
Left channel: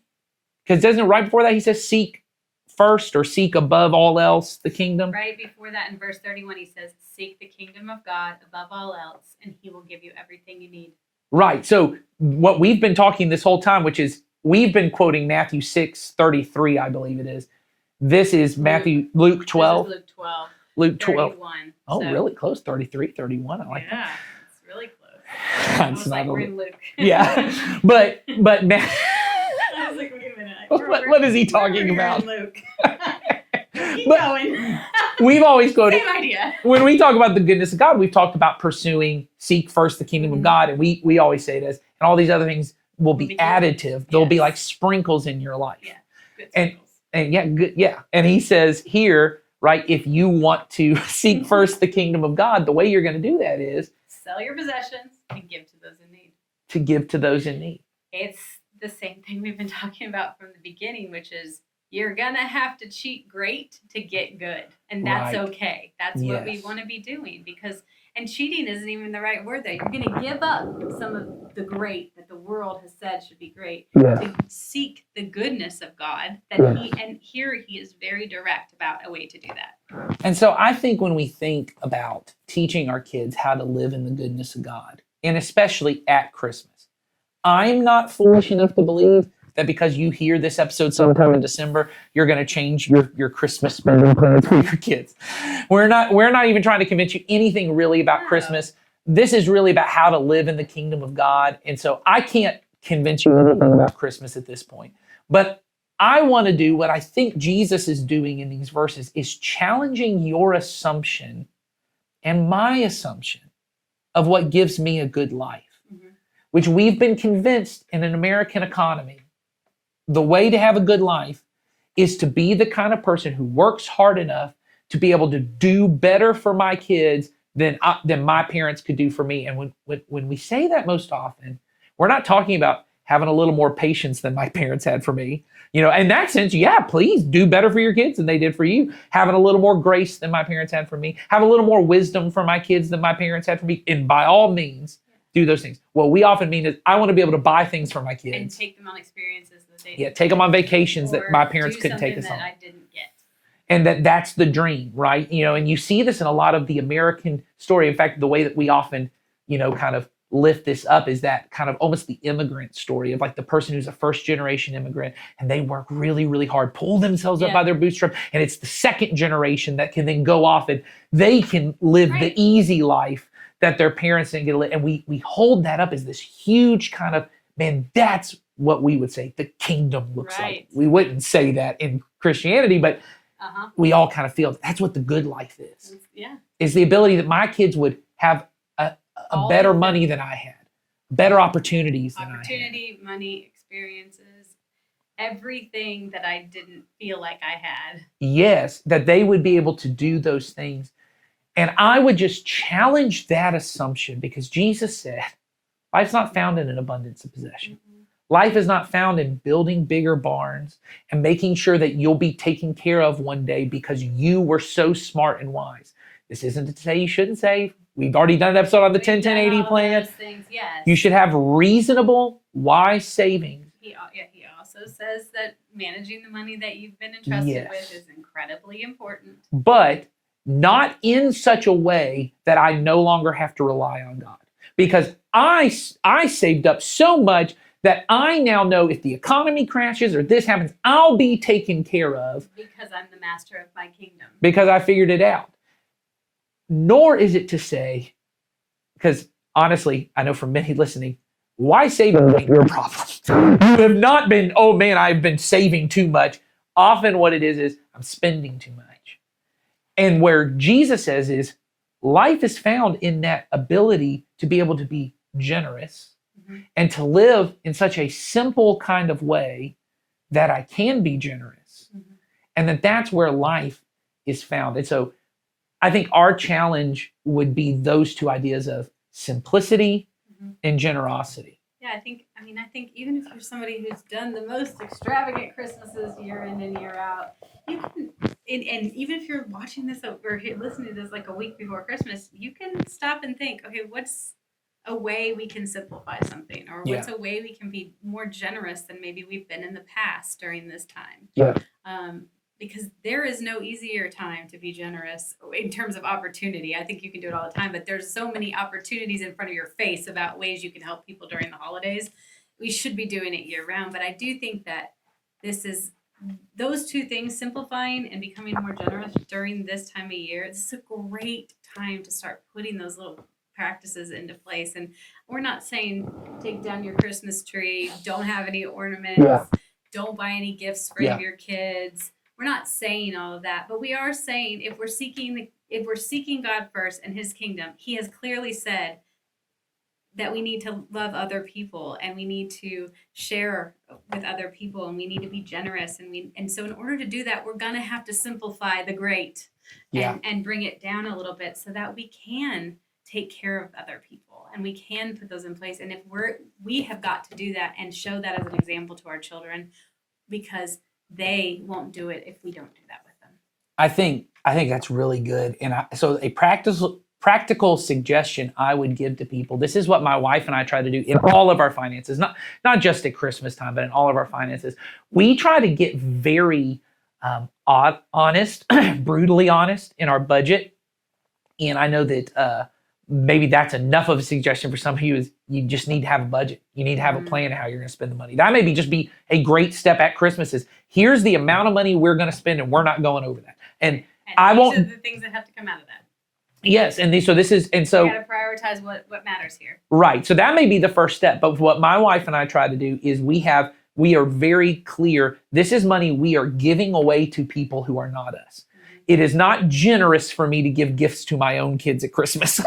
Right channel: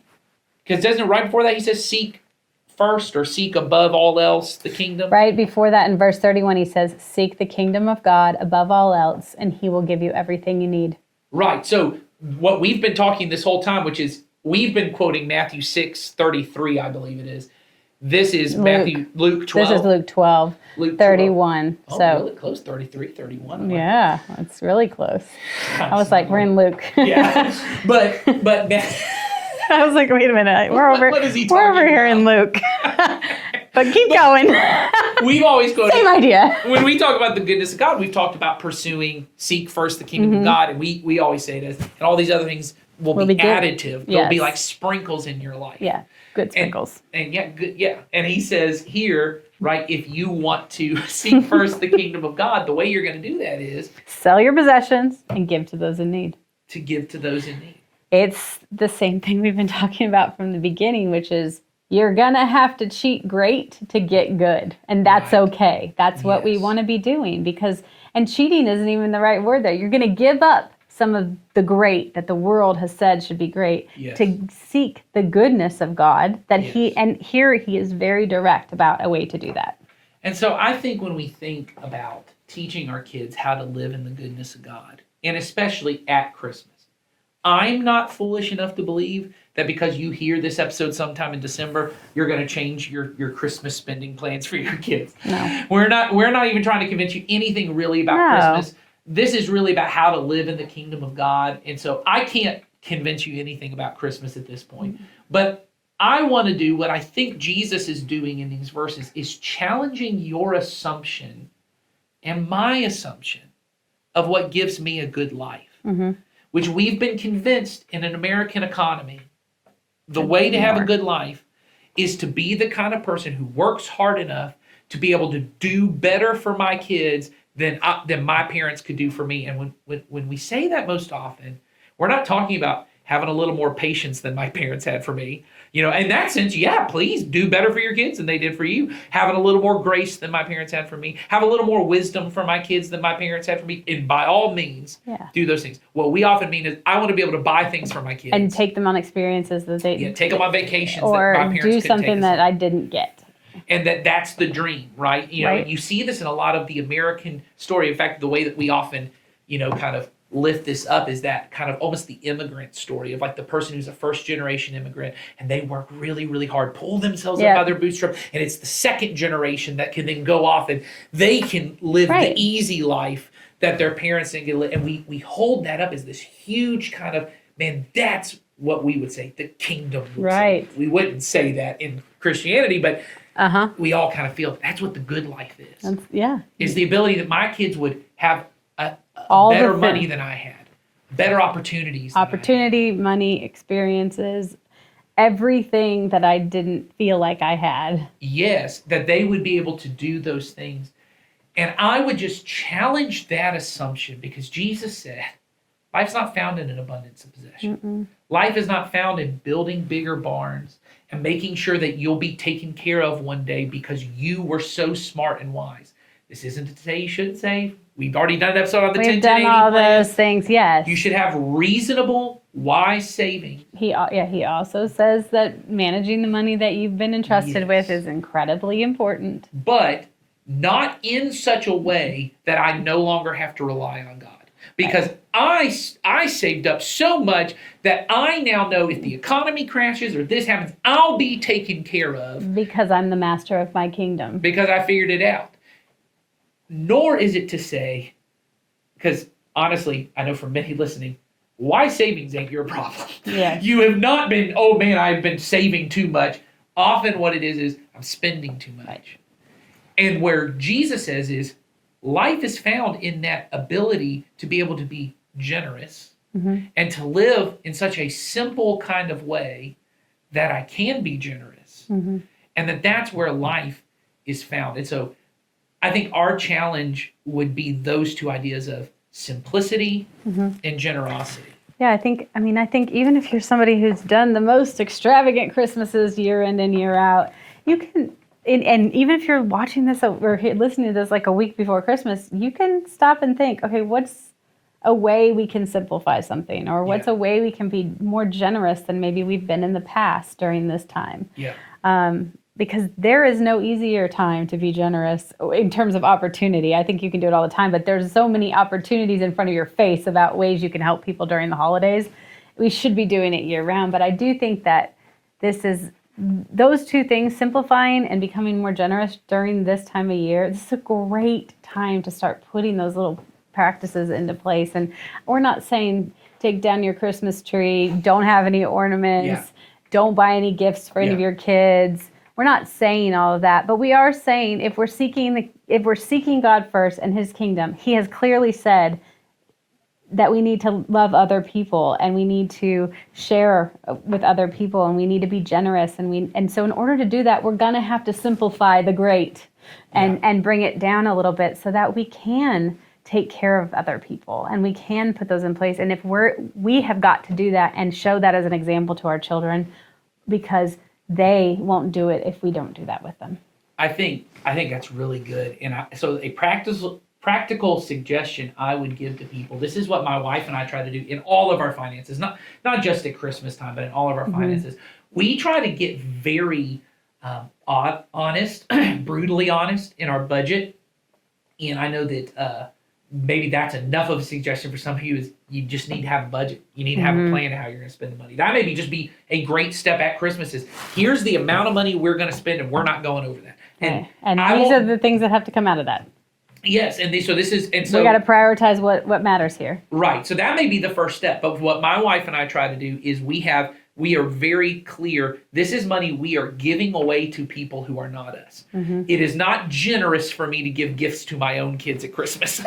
Because doesn't it right before that he says, seek first or seek above all else the kingdom? Right before that in verse 31, he says, seek the kingdom of God above all else, and he will give you everything you need. Right. So what we've been talking this whole time, which is we've been quoting Matthew 6:33, I believe it is. This is Luke 12. This is Luke 12. Luke 31. Oh, so, really close. 33, 31. Yeah, it's really close. I was like, we're in Luke. Yeah. But I was like, wait a minute. What is he talking We're over here about? in Luke. But keep going. We've always quoted. Same idea. When we talk about the goodness of God, we've talked about seek first the kingdom of God. And we always say this. And all these other things will be additive. They'll be like sprinkles in your life. Yeah, good sprinkles. And yeah, good. Yeah. And he says here, right, if you want to seek first the kingdom of God, the way you're going to do that is sell your possessions and give to those in need. To give to those in need. It's the same thing we've been talking about from the beginning, which is you're going to have to cheat great to get good. And that's okay. That's what we want to be doing and cheating isn't even the right word there. You're going to give up some of the great that the world has said should be great to seek the goodness of God and here he is very direct about a way to do that. And so I think when we think about teaching our kids how to live in the goodness of God, and especially at Christmas, I'm not foolish enough to believe that because you hear this episode sometime in December, you're going to change your Christmas spending plans for your kids. No. We're not even trying to convince you anything really about Christmas. This is really about how to live in the kingdom of God. And so I can't convince you anything about Christmas at this point. But I want to do what I think Jesus is doing in these verses is challenging your assumption and my assumption of what gives me a good life. Mm-hmm. Which we've been convinced in an American economy, the way to have a good life is to be the kind of person who works hard enough to be able to do better for my kids than my parents could do for me. And when we say that most often, we're not talking about having a little more patience than my parents had for me. In that sense, please do better for your kids than they did for you. Having a little more grace than my parents had for me. Have a little more wisdom for my kids than my parents had for me. And by all means, do those things. What we often mean is I want to be able to buy things for my kids. And take them on experiences that they... take them on vacations that my parents couldn't take us or do something that on. I didn't get. and that's the dream, right? You know, Right. and you see this in a lot of the American story. In fact, the way that we often, kind of lift this up is that kind of almost the immigrant story of like the person who's a first generation immigrant and they work really, really hard, pull themselves up by their bootstrap, and it's the second generation that can then go off and they can live Right. the easy life that their parents didn't get to live. And we hold that up as this huge kind of, man, that's what we would say the kingdom looks Right. like. We wouldn't say that in Christianity, but Uh-huh. we all kind of feel that's what the good life is. Yeah. Is the ability that my kids would have a All the better things. money than I had, better opportunities. than I had. Opportunity, money, experiences, everything that I didn't feel like I had. Yes, that they would be able to do those things. And I would just challenge that assumption because Jesus said, life's not found in an abundance of possession. Life is not found in building bigger barns and making sure that you'll be taken care of one day because you were so smart and wise. This isn't to say you shouldn't save. We've already done an episode on the We've 10 done all plan. those things, yes. You should have reasonable, wise saving. He also says that managing the money that you've been entrusted with is incredibly important. But not in such a way that I no longer have to rely on God. Because I saved up so much that I now know if the economy crashes or this happens, I'll be taken care of. Because I'm the master of my kingdom. Because I figured it out. Nor is it to say, because honestly, I know for many listening, why saving ain't your problem. You have not been, oh man, I've been saving too much. Often what it is I'm spending too much. And where Jesus says is, life is found in that ability to be able to be generous and to live in such a simple kind of way that I can be generous. And that's where life is found. And so I think our challenge would be those two ideas of simplicity and generosity. Yeah, I think even if you're somebody who's done the most extravagant Christmases year in and year out, you can, and even if you're watching this or listening to this like a week before Christmas, you can stop and think, okay, what's a way we can simplify something? Or what's a way we can be more generous than maybe we've been in the past during this time? Yeah. Because there is no easier time to be generous in terms of opportunity. I think you can do it all the time, but there's so many opportunities in front of your face about ways you can help people during the holidays. We should be doing it year round, but I do think that those two things, simplifying and becoming more generous during this time of year, this is a great time to start putting those little practices into place. And we're not saying take down your Christmas tree, don't have any ornaments, don't buy any gifts for any of your kids. We're not saying all of that, but we are saying if we're seeking God first and his kingdom, he has clearly said that we need to love other people and we need to share with other people and we need to be generous and so in order to do that, we're going to have to simplify the great and bring it down a little bit so that we can take care of other people and we can put those in place. And if we have got to do that and show that as an example to our children, because they won't do it if we don't do that with them. I think that's really good. And so a practical suggestion I would give to people. This is what my wife and I try to do in all of our finances, not just at Christmas time, but in all of our finances. We try to get very honest, brutally honest in our budget. And I know that maybe that's enough of a suggestion for some of you is you just need to have a budget. You need to have a plan of how you're going to spend the money. That may just be a great step at Christmas is here's the amount of money we're going to spend and we're not going over that. And these are the things that have to come out of that. Yes, and so we got to prioritize what matters here. Right. So that may be the first step. But what my wife and I try to do is we are very clear. This is money we are giving away to people who are not us. It is not generous for me to give gifts to my own kids at Christmas.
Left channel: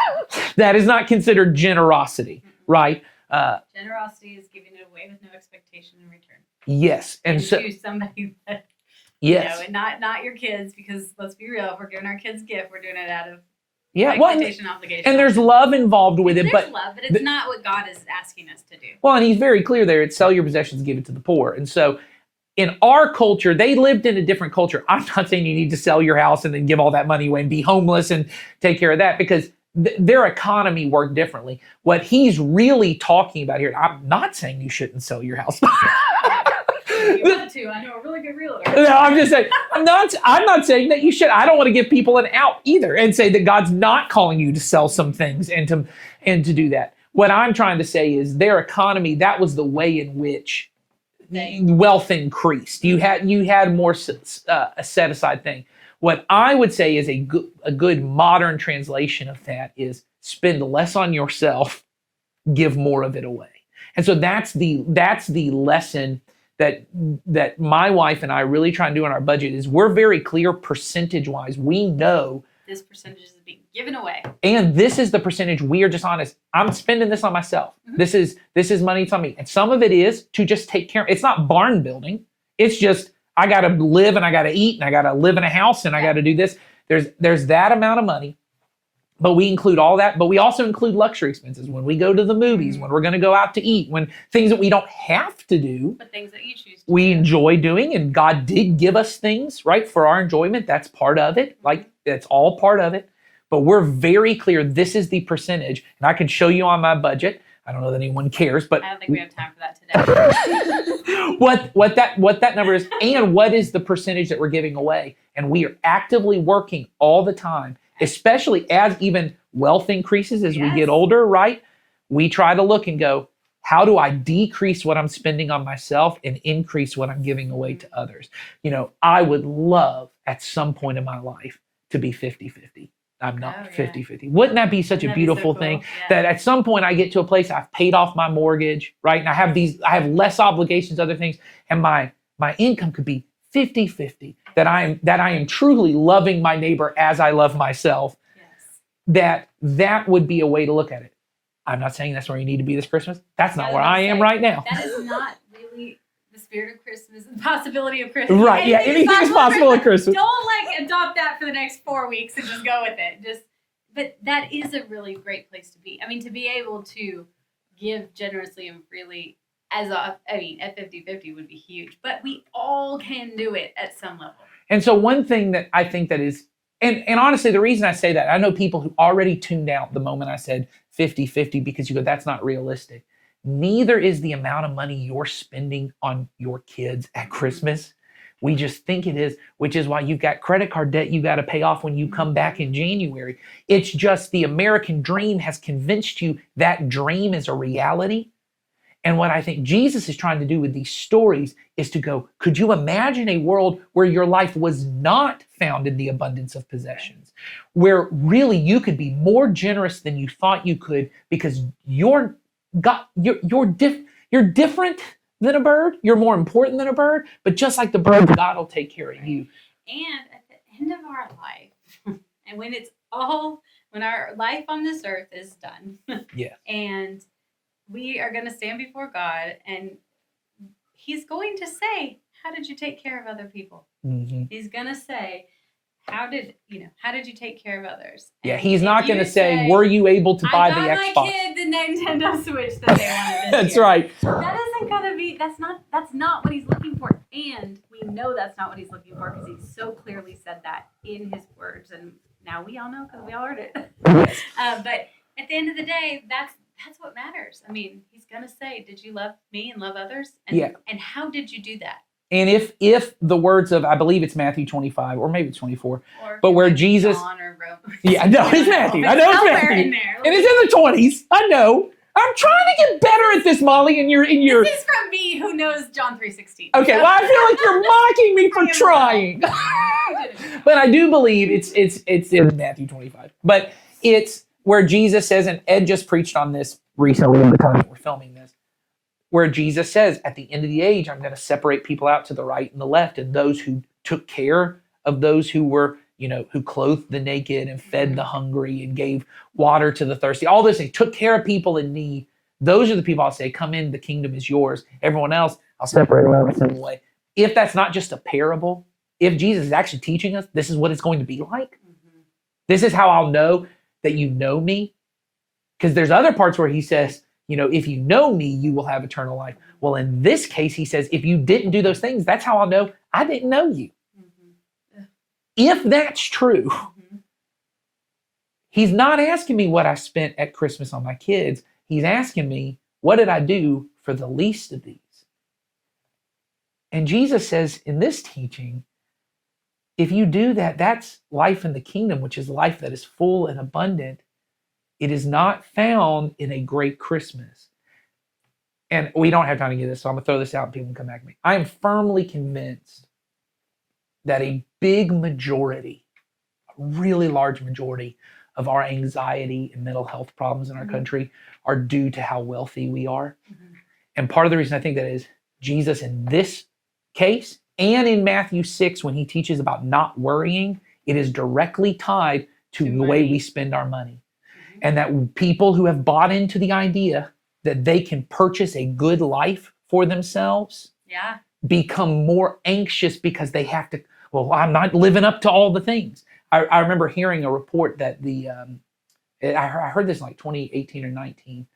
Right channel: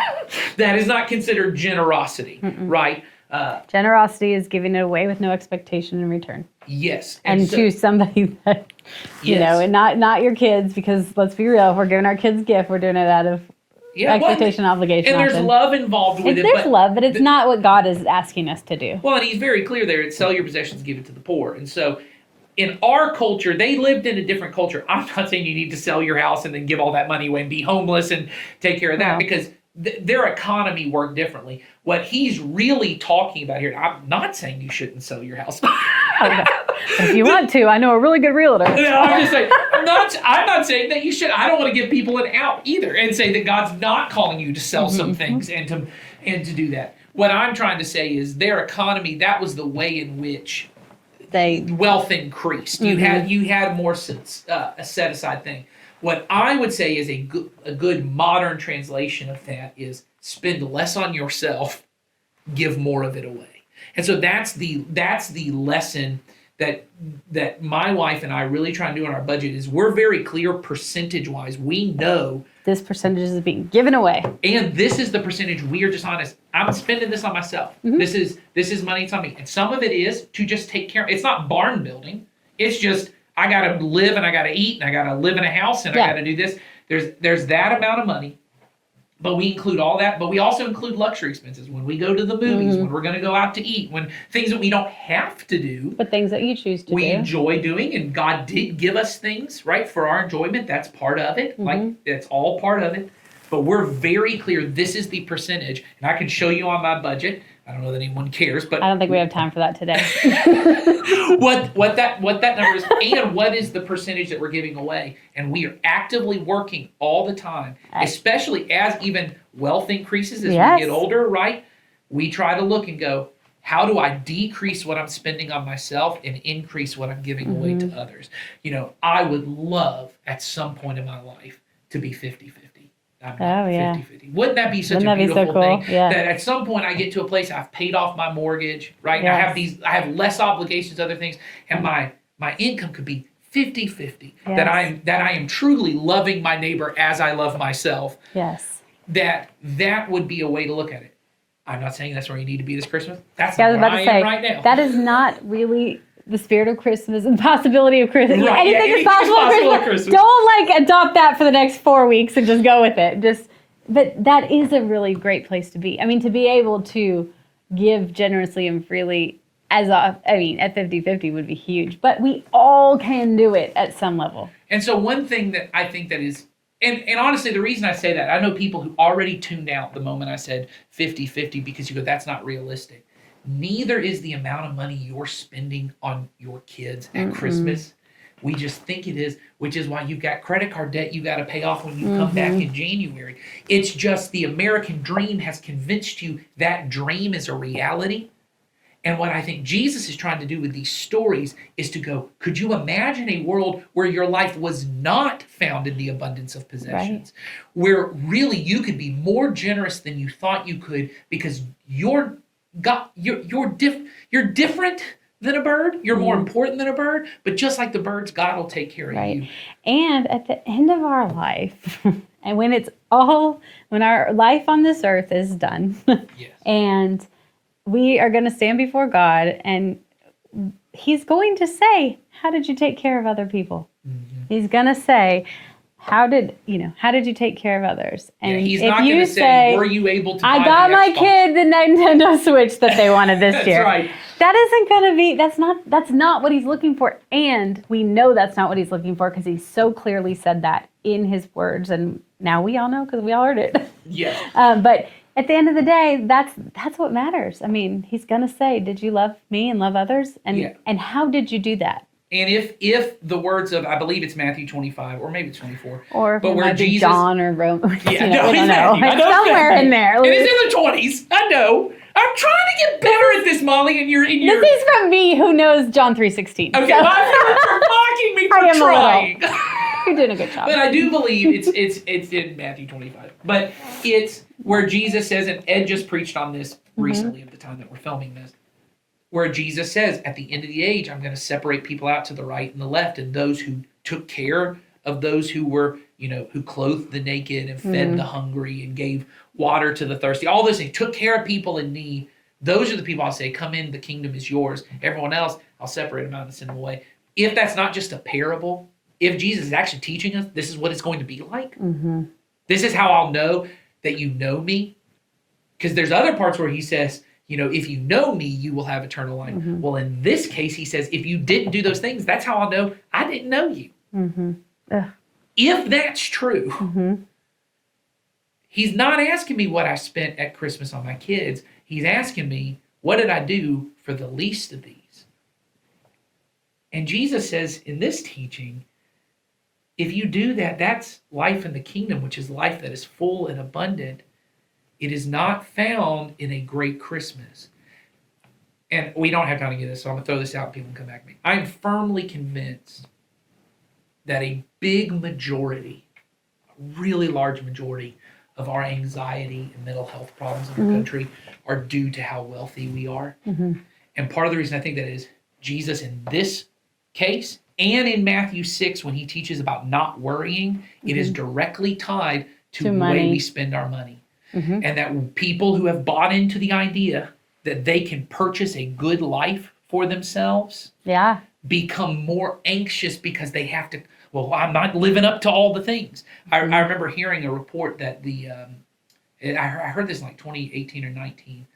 That is not considered generosity, right? Generosity is giving it away with no expectation in return. Yes. And to somebody that, and not your kids, because let's be real, if we're giving our kids gift, we're doing it out of expectation, obligation. And there's love involved with it. There's love, but it's not what God is asking us to do. Well, and he's very clear there. It's sell your possessions, give it to the poor. And so in our culture, they lived in a different culture. I'm not saying you need to sell your house and then give all that money away and be homeless and take care of that because their economy worked differently. What he's really talking about here, I'm not saying you shouldn't sell your house. If you want to, I know a really good realtor. No, I'm just saying, I'm not saying that you should. I don't want to give people an out either and say that God's not calling you to sell some things and to do that. What I'm trying to say is their economy, that was the way in which wealth increased. You had more a set aside thing. What I would say is a good modern translation of that is spend less on yourself, give more of it away. And so that's the lesson that my wife and I really try and do in our budget is we're very clear percentage-wise. We know this percentage is being given away. And this is the percentage we are just honest. I'm spending this on myself. This is money, it's on me. And some of it is to just take care. It's not barn building. It's just I gotta live and I gotta eat and I gotta live in a house and I gotta do this. There's that amount of money. But we include all that, but we also include luxury expenses when we go to the movies, when we're going to go out to eat, when things that we don't have to do. But things that you choose to do. We enjoy doing, and God did give us things, right, for our enjoyment. That's part of it. Like, that's all part of it. But we're very clear, this is the percentage, and I can show you on my budget. I don't know that anyone cares, but I don't think we have time for that today. what that number is and what is the percentage that we're giving away. And we are actively working all the time, especially as even wealth increases as we get older, right? We try to look and go, how do I decrease what I'm spending on myself and increase what I'm giving away to others? You know, I would love at some point in my life to be 50-50. I'm not 50-50. Wouldn't that be such a beautiful thing? Yeah. That at some point I get to a place I've paid off my mortgage, right? Yes. I have less obligations, other things, and my income could be 50-50. Yes. That I am truly loving my neighbor as I love myself. Yes. That would be a way to look at it. I'm not saying that's where you need to be this Christmas. That's not where I am right now. That is not really the spirit of Christmas and the possibility of Christmas. Right, anything is possible at Christmas. Don't adopt that for the next 4 weeks and just go with it. But that is a really great place to be. I mean, to be able to give generously and freely at 50-50 would be huge. But we all can do it at some level. And so one thing that I think that is, and honestly, the reason I say that, I know people who already tuned out the moment I said 50-50 because you go, that's not realistic. Neither is the amount of money you're spending on your kids at Christmas. We just think it is, which is why you've got credit card debt you got to pay off when you come back in January. It's just the American dream has convinced you that dream is a reality. And what I think Jesus is trying to do with these stories is to go, could you imagine a world where your life was not found in the abundance of possessions? Right. Where really you could be more generous than you thought you could because you're different than a bird. You're more important than a bird. But just like the birds, God will take care of you. And at the end of our life, and when our life on this earth is done, and we are going to stand before God, and He's going to say, "How did you take care of other people?" He's going to say, how did you take care of others? And he's not going to say, were you able to buy the Xbox? I got my kid the Nintendo Switch that they wanted this That's year. That's right. That isn't going to be, that's not what He's looking for. And we know that's not what He's looking for because He so clearly said that in His words. And now we all know because we all heard it. Yes. But at the end of the day, that's what matters. I mean, He's going to say, did you love me and love others? And how did you do that? And if the words of, I believe it's Matthew 25, or maybe it's 24, or but where Jesus, John or Rome, yeah, no, it's Matthew. I know somewhere in there. And it's in the 20s. I know. I'm trying to get better at this, Molly. And you're. This is from me, who knows John 3:16. Okay, well, I feel like you're mocking me for trying. You're doing a good job. But I do believe it's in Matthew 25. But it's where Jesus says, and Ed just preached on this recently in the time that we're filming this, where Jesus says, at the end of the age, I'm going to separate people out to the right and the left, and those who took care of those who were, who clothed the naked and fed the hungry and gave water to the thirsty, all this, he took care of people in need. Those are the people I'll say, come in, the kingdom is yours. Everyone else, I'll separate them out and send them away. If that's not just a parable, if Jesus is actually teaching us, this is what it's going to be like. This is how I'll know that you know me. Because there's other parts where he says, if you know me, you will have eternal life. Well, in this case, he says, if you didn't do those things, that's how I'll know I didn't know you. If that's true, he's not asking me what I spent at Christmas on my kids. He's asking me, what did I do for the least of these? And Jesus says in this teaching, if you do that, that's life in the kingdom, which is life that is full and abundant. It is not found in a great Christmas. And we don't have time to get this, so I'm going to throw this out and people can come back to me. I am firmly convinced that a big majority, a really large majority of our anxiety and mental health problems in our country are due to how wealthy we are. And part of the reason I think that is Jesus in this case and in Matthew 6, when he teaches about not worrying, it is directly tied to the way we spend our money. And that people who have bought into the idea that they can purchase a good life for themselves become more anxious because they have to, well, I'm not living up to all the things. I remember hearing a report that I heard this in like 2018 or 19,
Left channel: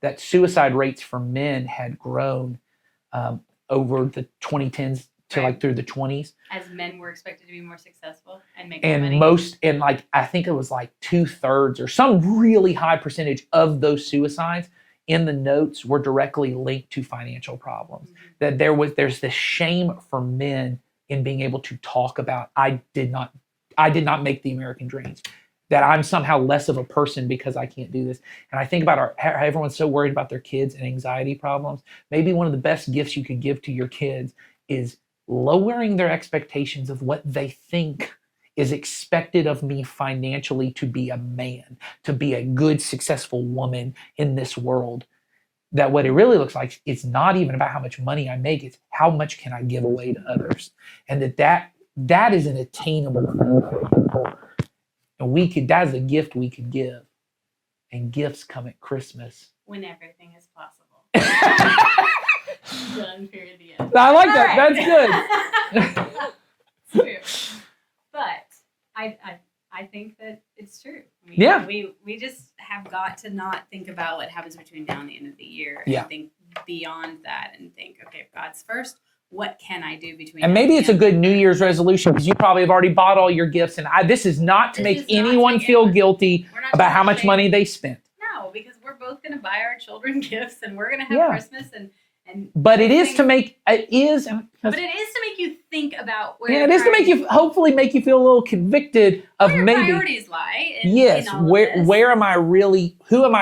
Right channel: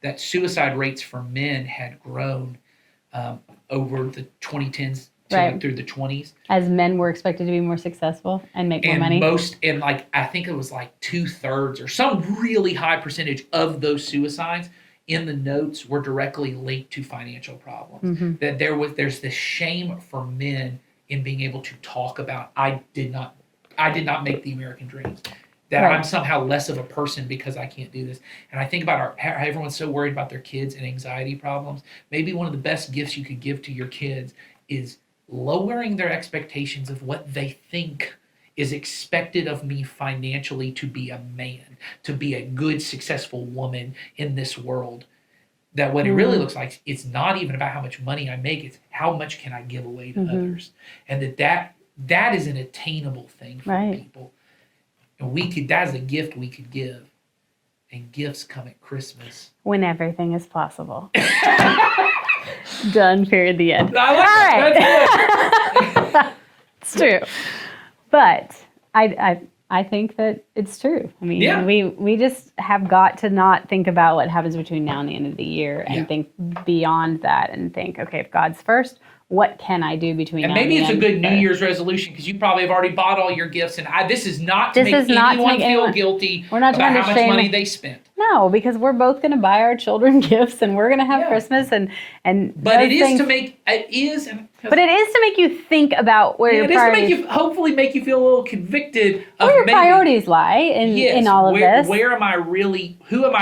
that suicide rates for men had grown over the 2010s to like through the 20s. As men were expected to be more successful and make more money. And like, I think it was like 2/3 or some really high percentage of those suicides in the notes were directly linked to financial problems. That there's this shame for men in being able to talk about, I did not make the American dream. That I'm somehow less of a person because I can't do this. And I think about how everyone's so worried about their kids and anxiety problems. Maybe one of the best gifts you could give to your kids is lowering their expectations of what they think is expected of me financially to be a man, to be a good, successful woman in this world. That what it really looks like, it's not even about how much money I make, it's how much can I give away to others. And that is an attainable thing for people. And that is a gift we could give. And gifts come at Christmas. When everything is possible. Done, period, the end. I like that. That's good. It's true. But I think that it's true. I mean, we just have got to not think about what happens between now and the end of the year and think beyond that and think, okay, if God's first, what can I do between now and maybe it's a good New Year's resolution because you probably have already bought all your gifts. And this is not to make anyone feel guilty about how much money they spent. No, because we're both going to buy our children gifts and we're going to have Christmas But it is to make you think about where your it is to make you hopefully make you feel a little convicted of where your priorities lie in all of this. Who am I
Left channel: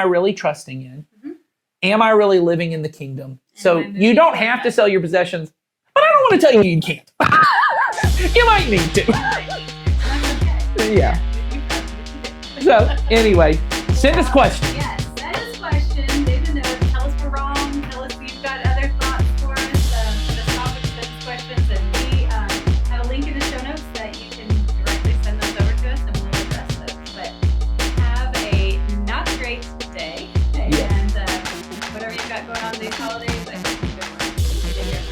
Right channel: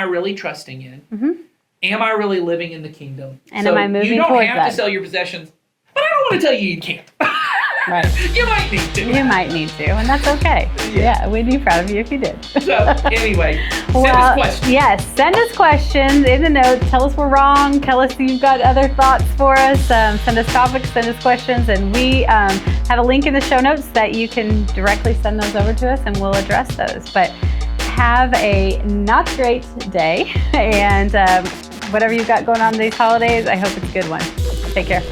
really trusting in? Am I really living in the kingdom? And so am I moving you don't towards have that? to sell your possessions, but I don't want to tell you can't. Right. You might need to. You might need to, and that's okay. Yeah, we'd be proud of you if you did. So anyway, send us questions. Yes, send us questions in the notes. Tell us we're wrong. Tell us you've got other thoughts for us. Send us topics, send us questions, and we have a link in the show notes that you can directly send those over to us, and we'll address those. But have a not great day, and whatever you've got going on these holidays, I hope it's a good one. Take care.